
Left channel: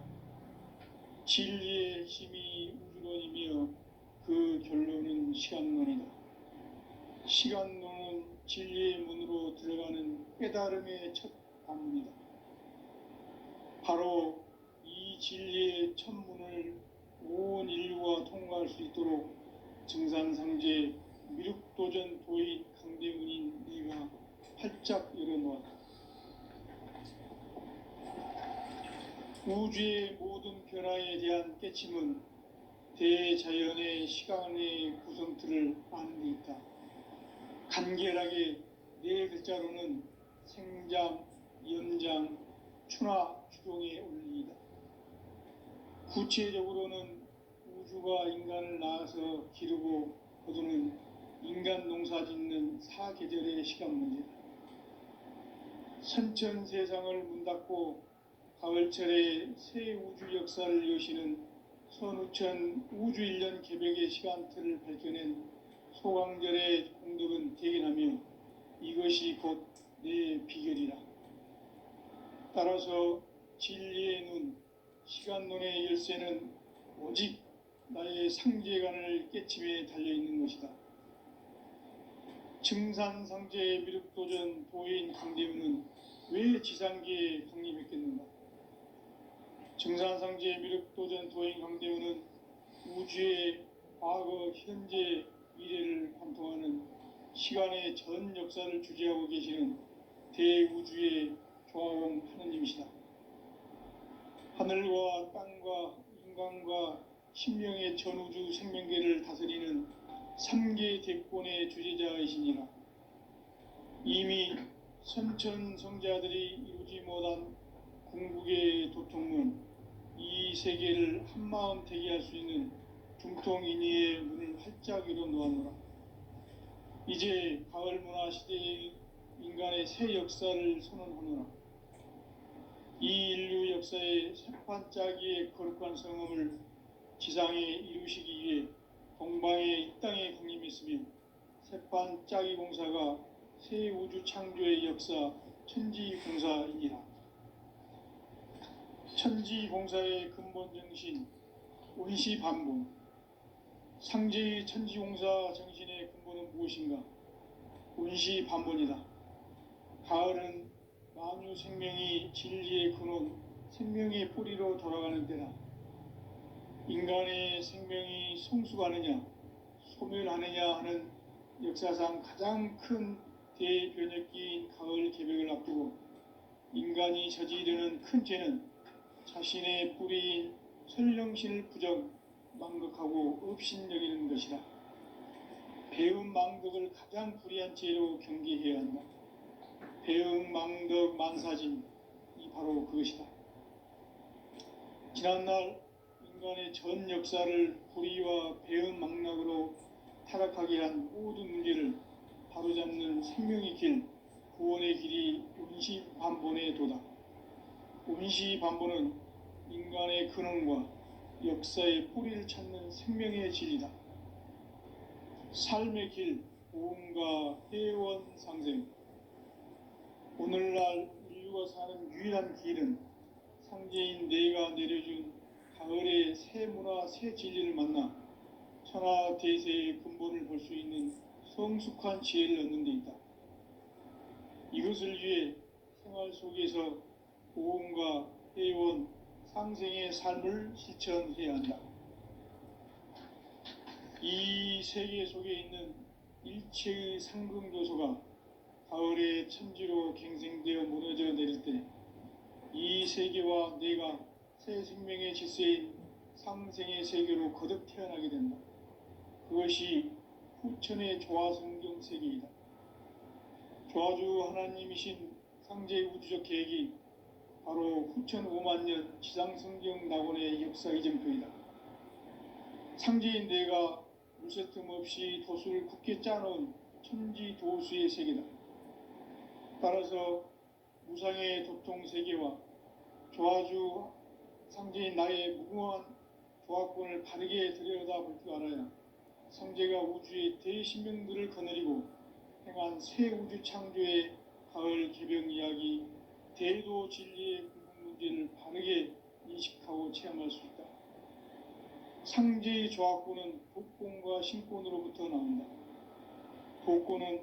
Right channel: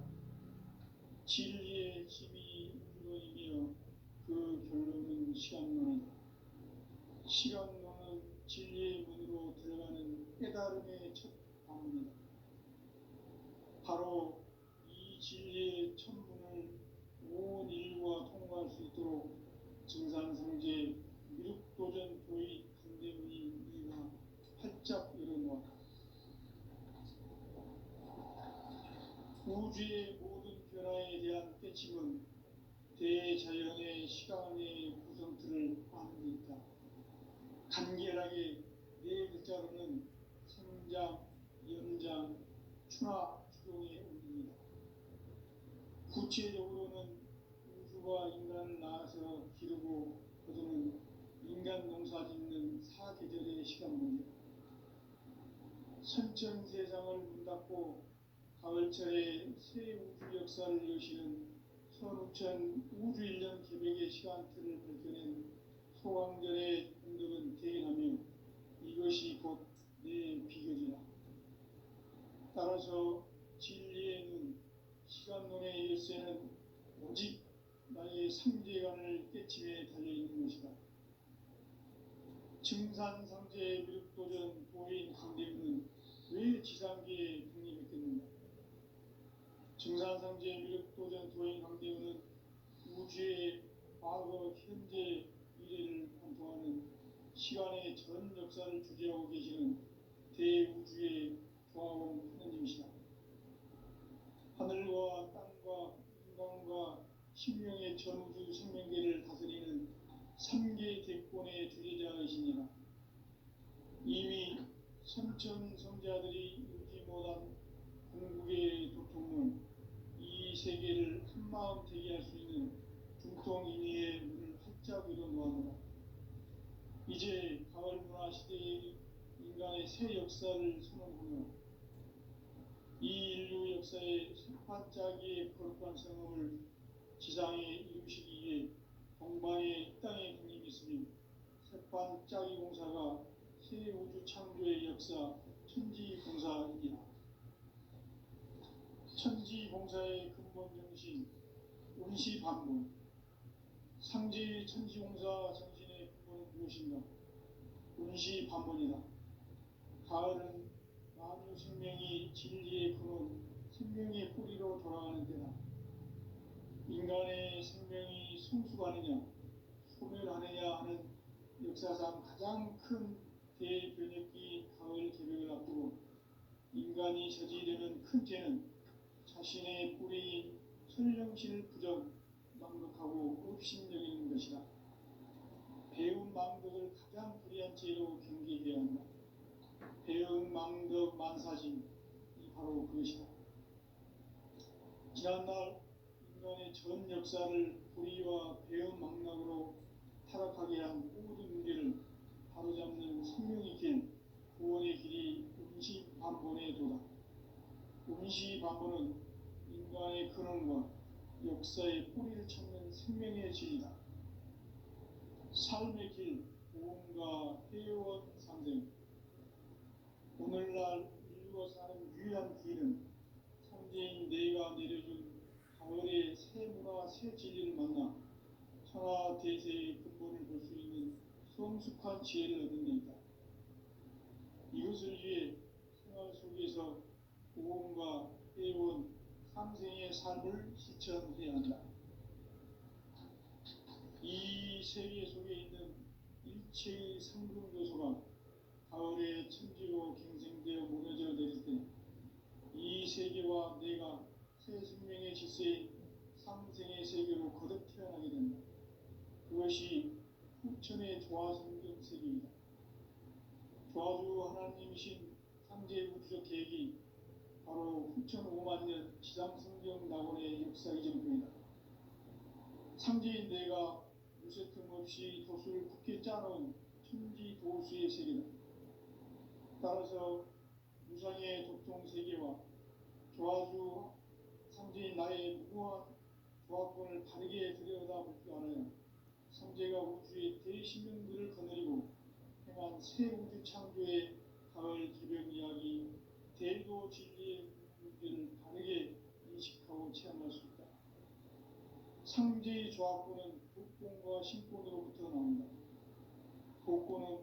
진리의 힘이 우주론이며 그 결론은 시간론이다. 시간론은 진리의 문으로 들어가는 깨달음의 첫 관문이다. 바로 이 진리의 첫 문을 온 인류가 통과할 수 있도록 증산상제 미륵도전 도의 강대문인 네가 활짝 열어놓았다. 우주의 모든 변화에 대한 깨침은 대자연의 시간의 구성틀을 아는 데 있다. 간결하게 네 글자로는 생장, 연장, 추나 추동의 원리이다. 구체적으로는 우주가 인간을 낳아서 기르고 거두는 인간 농사 짓는 사계절의 시간 문제다. 선천 세상을 문 닫고 가을철에 새 우주 역사를 여시는 선우천 우주 1년 개벽의 시간틀을 밝혀낸 소강절의 공덕은 대견하며 이것이 곧 내 비결이라. 따라서 진리의 눈, 시간론의 열쇠는 오직 나의 상제관을 깨침에 달려있는 것이다. 증산상제의 미륵도전 도인 강대우는 왜 지상계에 강림했겠는가? 증산상제의 미륵도전 도인 강대우는 우주의 과거, 현재, 미래를 관통하는 시간의 전 역사를 주재하고 계시는 대우주의 조화원 하느님이시다. 하늘과 땅과 인간과 신명의 전우주 생명계를 다스리는 3계 대권의 주재자이시니라. 이미 선천성자들이 이루지 못한 궁극의 도통문, 이 세계를 한마음 되게 할 수 있는 중통인의의 문을 활짝 열어놓았노라. 이제 가을 문화 시대의 인간의 새 역사를 선언하노라. 이 인류 역사의 새판짜기의 거룩한 성음을 지상에 이루시기 위해 동방의 이 땅에 강림했으며 새판짜기 공사가 새 우주 창조의 역사 천지공사이니라. 천지공사의 근본 정신 온시반본, 상제의 천지공사 정신의 근본은 무엇인가? 온시반본이다. 가을은 만유 생명이 진리의 근원, 생명의 뿌리로 돌아가는 때다. 인간의 생명이 성숙하느냐, 소멸하느냐 하는 역사상 가장 큰 대변혁기인 가을 개벽을 앞두고 인간이 저지르는 큰 죄는 자신의 뿌리인 설령신을 부정, 망극하고 업신여기는 것이다. 배음 망덕을 가장 불의한 죄로 경계해야 한다. 배음 망덕 만사진이 바로 그것이다. 지난날 인간의 전 역사를 불의와 배음 망락으로 타락하게 한 모든 문제를 바로잡는 생명의 길, 구원의 길이 온시반본의 도다. 온시반본은 인간의 근원과 역사의 뿌리를 찾는 생명의 진리다. 삶의 길, 보험과 회원 상생. 오늘날 인류가 사는 유일한 길은 상제인 내가 내려준 가을의 새 문화, 새 진리를 만나 천하 대세의 근본을 볼 수 있는 성숙한 지혜를 얻는 데 있다. 이것을 위해 생활 속에서 보험과 회원, 상생의 삶을 실천해야 한다. 이 세계 속에 있는 일체의 상승 요소가 가을의 천지로 갱생되어 무너져 내릴 때 이 세계와 내가 새 생명의 질서인 상생의 세계로 거듭 태어나게 된다. 그것이 후천의 조화성경 세계이다. 조화주 하나님이신 상제 우주적 계획이 바로 후천 5만 년 지상성경 낙원의 역사 이정표이다. 상제인 내가 무쇠틈 없이 도수를 굳게 짜놓은 천지 도수의 세계다. 따라서 무상의 도통 세계와 조화주 상제인 나의 무궁한 조화권을 바르게 들여다볼 줄 알아야 상제가 우주의 대신명들을 거느리고 행한 새 우주 창조의 가을 개병 이야기, 대도 진리의 궁극 문제를 바르게 인식하고 체험할 수 있다. 상제의 조화권은 도권과 신권으로부터 나온다. 도권은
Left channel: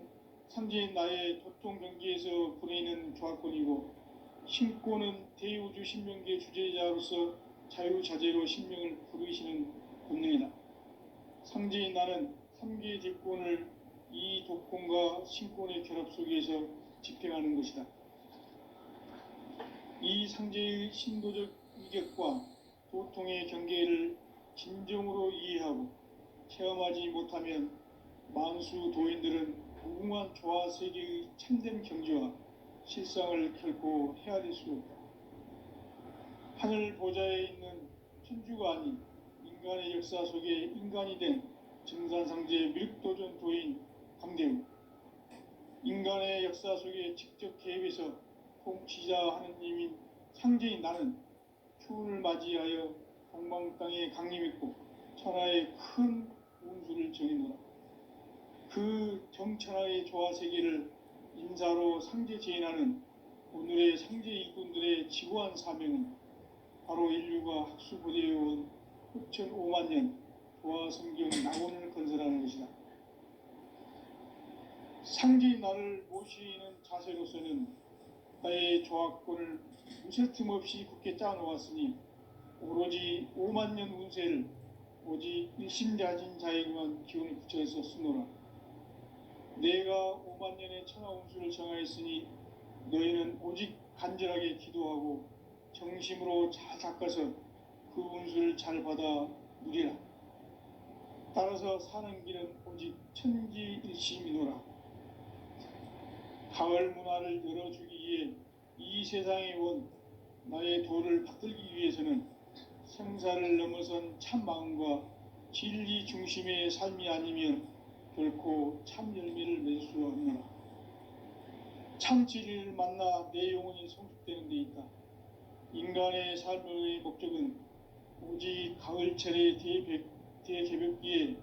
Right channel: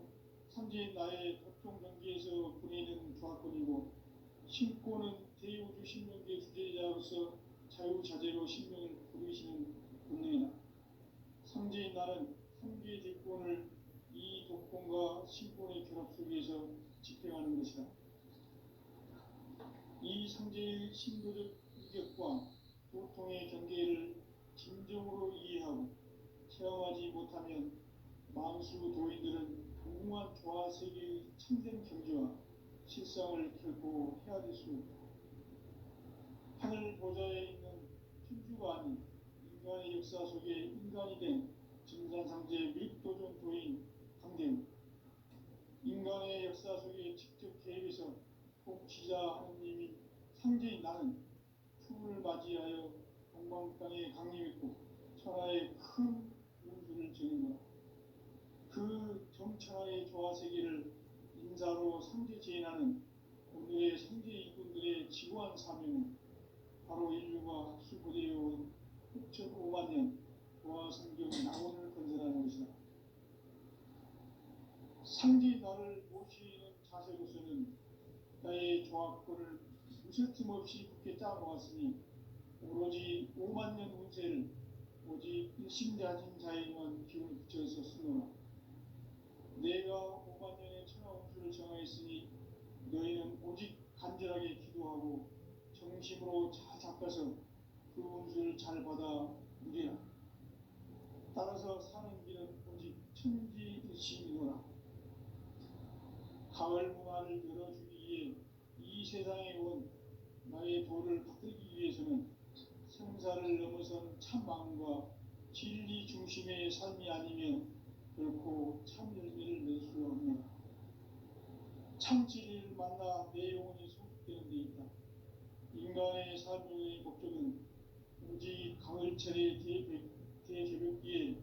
상제인 나의 도통 경계에서 보내는 조화권이고, 신권은 대우주 신명계 주제자로서 자유자재로 신명을 부르시는 권능이다. 상제인 나는 3개의 대권을 이 도권과 신권의 결합 속에서 집행하는 것이다. 이 상제의 신도적 위격과 도통의 경계를 진정으로 이해하고 체험하지 못하면 만수 도인들은 무궁한 조화 세계의 참된 경지와 실상을 결코 헤아릴 수 없다. 하늘 보좌에 있는 천주가 아닌 인간의 역사 속에 인간이 된 증산상제 밀도전 도인 강대우, 인간의 역사 속에 직접 개입해서 통치자 하느님인 상제인 나는 추운을 맞이하여 동방 땅에 강림했고 천하의 큰 운수를 정해놓아 그 정천하의 조화 세계를 인사로 상제 제인하는 오늘의 상제 일꾼들의 지고한 사명은 바로 인류가 학수고대해온 후천 5만 년 조화 성경 낙원을 건설하는 것이다. 상제인 나를 모시는 자세로서는 나의 조화권을 무쇠 틈 없이 굳게 짜놓았으니 오로지 5만 년 운세를 오직 일심자진 자에게만 기운을 붙여서 쓰노라. 내가 5만 년의 천하 운수를 정하였으니 너희는 오직 간절하게 기도하고 정심으로 잘 닦아서 그 운수를 잘 받아 누리라. 따라서 사는 길은 오직 천지일심이노라. 가을 문화를 열어주기 위해 이 세상에 온 나의 도를 받들기 위해서는 생사를 넘어선 참 마음과 진리 중심의 삶이 아니면 결코 참 열매를 낼 수 없노라. 참 진리를 만나 내 영혼이 성숙되는 데 있다. 인간의 삶의 목적은 오직 가을철의 대개벽기에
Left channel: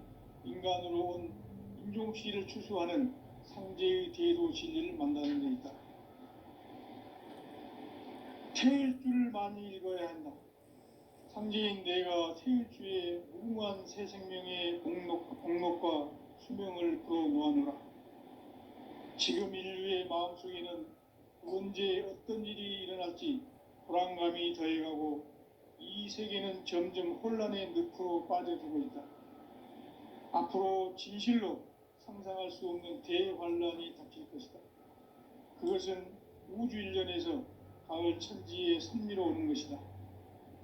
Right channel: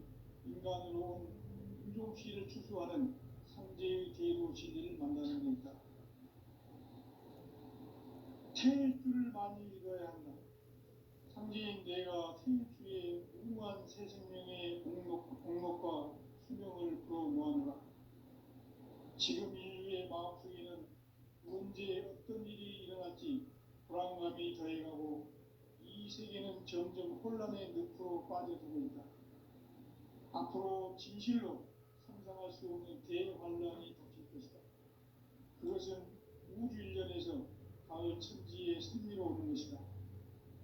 인간으로 온 인종씨를 추수하는 상제의 대도 진리를 만나는 데 있다. 태일 줄을 많이 읽어야 한다. 상제인 내가 태일주의 무궁한 새 생명의 공록과 수명을 불어모아노라. 지금 인류의 마음속에는 언제 어떤 일이 일어날지 불안감이 더해가고 이 세계는 점점 혼란의 늪으로 빠져들고 있다. 앞으로 진실로 상상할 수 없는 대환란이 닥칠 것이다. 그것은 우주 일련에서 가을 천지의 섭리로 오는 것이다.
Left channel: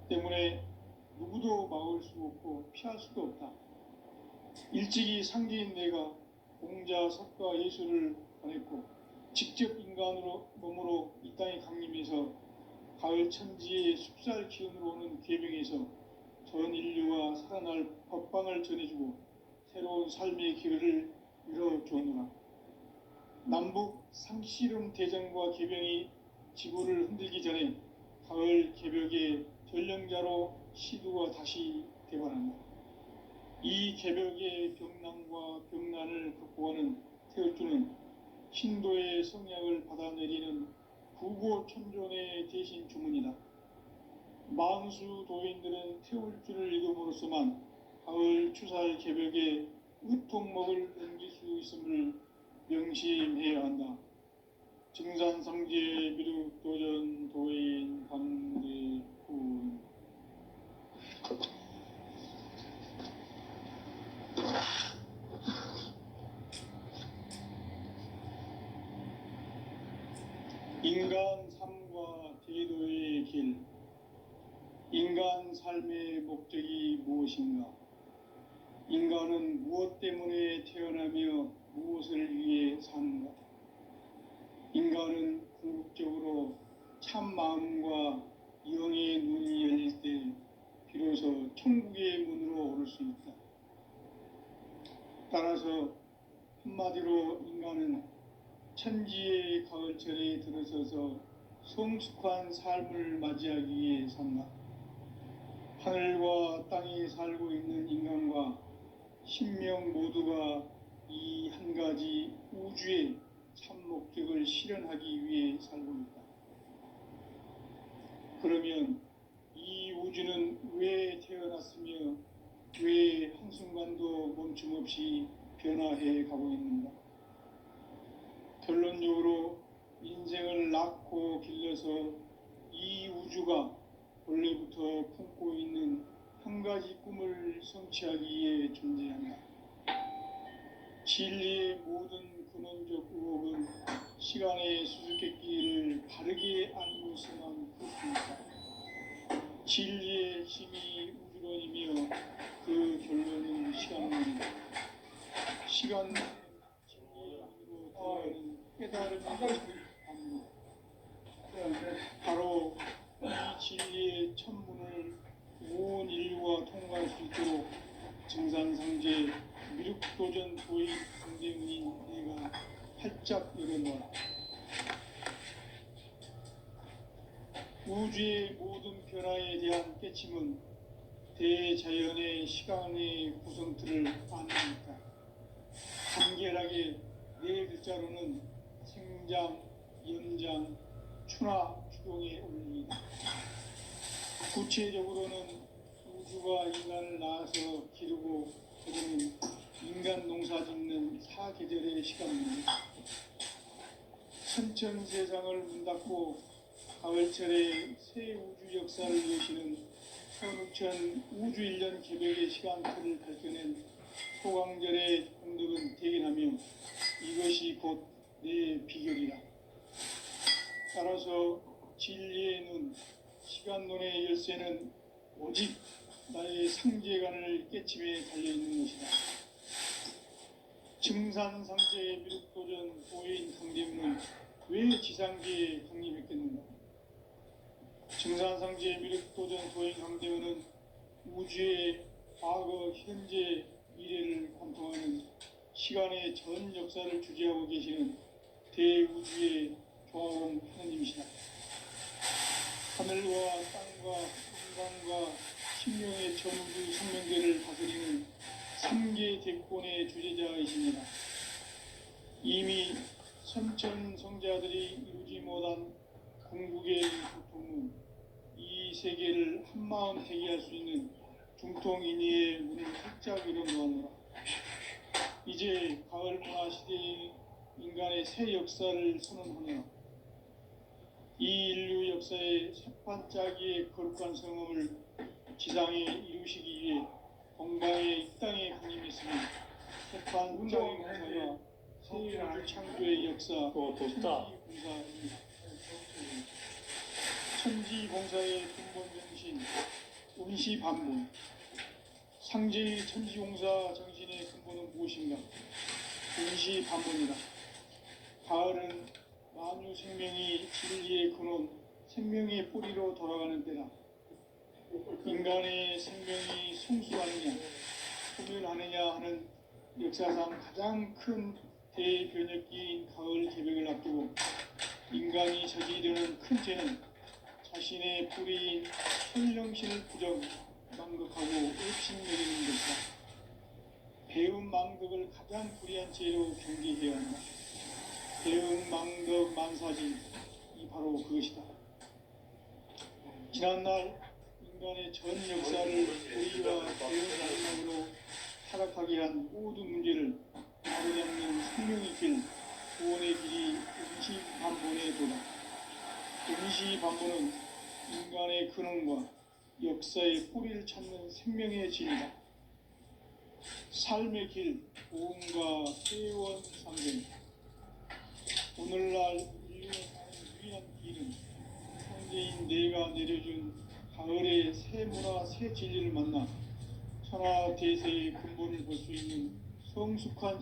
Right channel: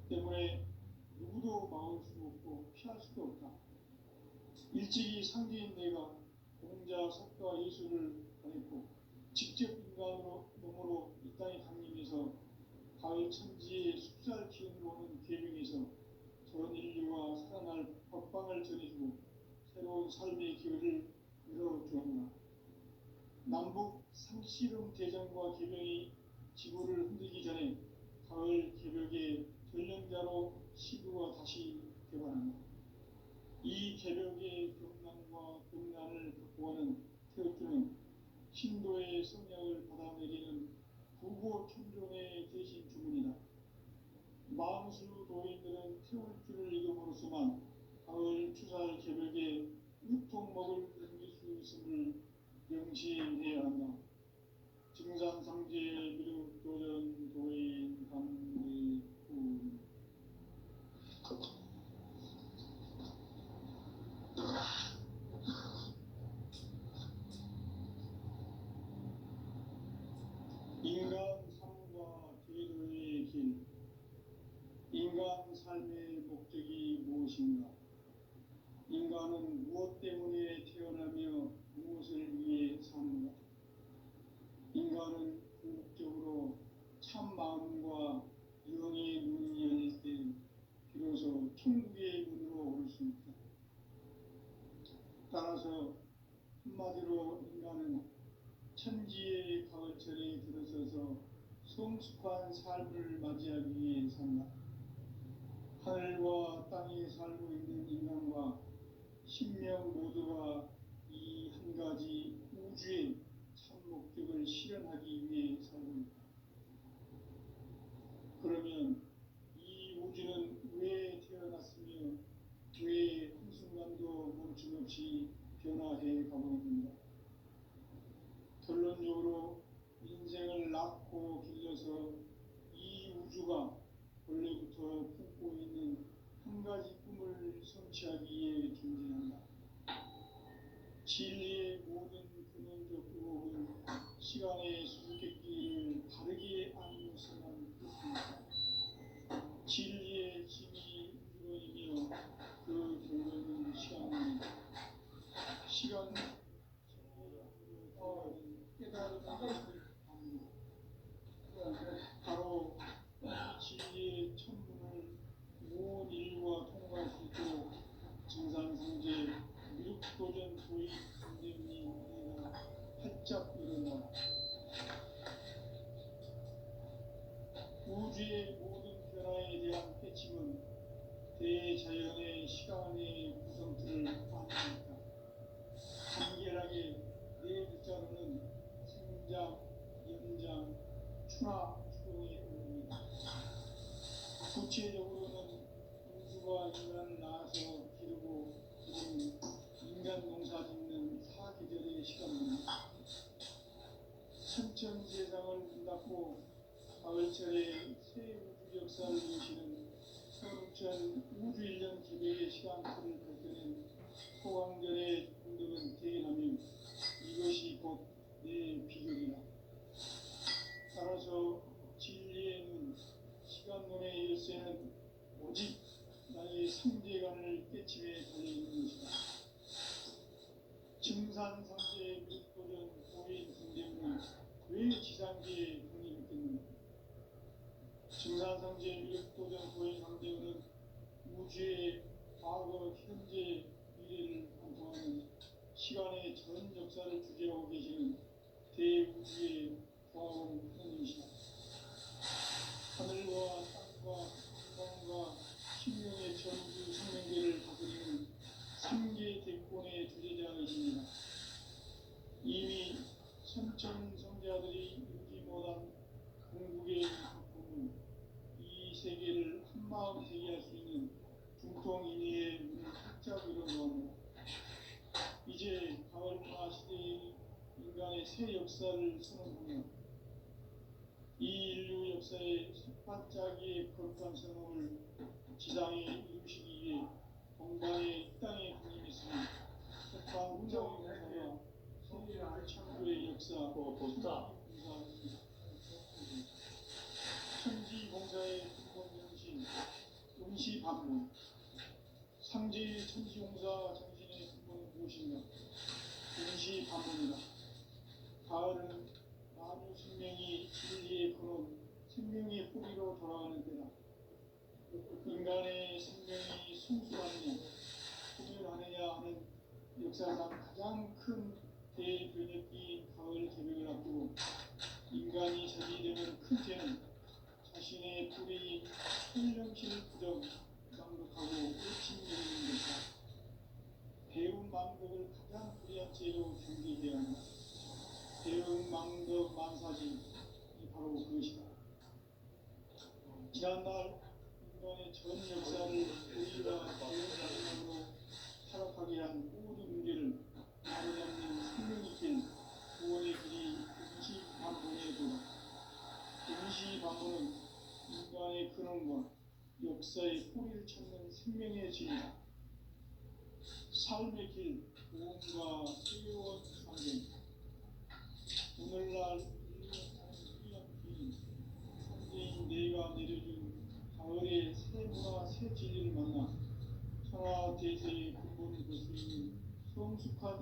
때문에 누구도 막을 수 없고 피할 수도 없다. 일찍이 상제인 내가 공자, 석가, 예수를 보냈고 직접 인간으로 몸으로 이 땅에 강림해서 가을 천지의 숲살 기운으로 오는 계명에서 전 인류와 살아날 법방을 전해주고 새로운 삶의 기회를 열어주었노라. 남북 상씨름 대전과 계병이 지구를 흔들기 전에 가을 개벽의 전령자로 시두가 다시 개관한다. 이 개벽의 병난과 병난을 극복하는 태울주는 신도의 성약을 받아내리는 부고천존의 대신 주문이다. 만수 도인들은 태울주를 읽음으로써만 가을 추살 개벽에 의통목을 넘길 수 있음을 명심해야 한다. 증산상제 미륵도전 도인 강대훈. 인간 삶과 제도의 길. 인간 삶의 목적이 무엇인가? 인간은 무엇 때문에 태어나며 무엇을 위해 사는가? 인간은 궁극적으로 참 마음과 영의 눈이 열릴 때 비로소 천국의 문으로 오를 수 있다. 따라서 한마디로 인간은 천지의 가을철에 들어서서 성숙한 삶을 맞이하기 위해 산다. 하늘과 땅에 살고 있는 인간과 신명 모두가 이 한 가지 우주의 참 목적을 실현하기 위해 살고 있다. 그러면 이 우주는 왜 태어났으며 왜 한순간도 멈춤없이 변화해 가고 있는가? 결론적으로 인생을 낳고 길러서 이 우주가 원래부터 품고 있는 한 가지 꿈을 성취하기 위해 존재한다. 진리의 모든 근원적 의혹은 시간의 수수께끼를 바르게 알고서만 그렇습니다. 진리의 힘이 우주론이며 그 결론은 시간론이다. 시간은 진리의 힘으로 들어가는 깨달음을 합니다. 바로 이 진리의 천문을 온 인류가 통과할 수 있도록 증산상제 미륵도전 도의 강대문인 내가 활짝 열어놓아 우주의 모든 변화에 대한 깨침은 대자연의 시간의 구성틀을 아닙니까? 간결하게 네 글자로는 생장, 연장, 추나 추동의 원리이다. 구체적으로는 우주가 인간을 낳아서 기르고 그러는 인간 농사 짓는 사계절의 시간입니다. 천천 세상을 문 닫고 가을철에 새 우주 역사를 여시는 서육천 우주 1년 개벽의 시간틀을 밝혀낸 소강절의 공덕은 대견하며 이것이 곧 내 비결이다. 따라서 진리의 눈, 시간론의 열쇠는 오직 나의 상제관을 깨침에 달려있는 것이다. 증산상제의 미륵도전 도인 강대문은 왜 지상계에 강림했겠는가? 증산상제의 미륵도전 도인 강대문은 우주의 과거, 현재, 미래를 관통하는 시간의 전 역사를 주재하고 계시는 대우주의 조화원 하나님이시다. 하늘과 땅과 인간과 신명의 전우주 생명계를 다스리는 삼계 대권의 주제자이십니다. 이미 선천 성자들이 이루지 못한 궁극의 고통은 이 세계를 한마음 되게 할 수 있는 중통인의의 문을 활짝 열어놓았노라. 이제 가을 문화 시대의 인간의 새 역사를 선언하며 이 인류 역사의 새반짝이의 거룩한 성음을 지상에 이루시기 위해 건강의 이 땅에 강림했으니 새판 운동공사가 새 우주 창조의 역사 천지공사입니다. 천지공사의 근본 정신 운시반문. 상제의 천지공사 정신의 근본은 무엇인가? 운시반문이다. 가을은 만유 생명이 진리의 근원, 생명의 뿌리로 돌아가는 때다. 인간의 생명이 성숙하느냐, 소멸하느냐 하는 역사상 가장 큰 대변혁기인 가을 개벽을 앞두고 인간이 저지르는 큰 죄는 자신의 뿌리인 현령신을 부정, 망극하고 의심여기는 것이다. 배운 망덕을 가장 불의한 죄로 경계해야 한다. 배운 망덕 만사지, 이 바로 그것이다. 지난날 인간의 전 역사를 고의와 배운 양력으로 타락하게 한 모든 문제를 바로잡는 생명의 길, 구원의 길이 운시반문의 도다. 운시반문은 인간의 근원과 역사의 뿌리를 찾는 생명의 진리다. 삶의 길, 보험과 회원 상생. 오늘날 인류가 가는 유일한 길은 현재인 내가 내려준 가을의 새 문화 새 진리를 만나 천하 대세의 근본을 볼 수 있는 성숙한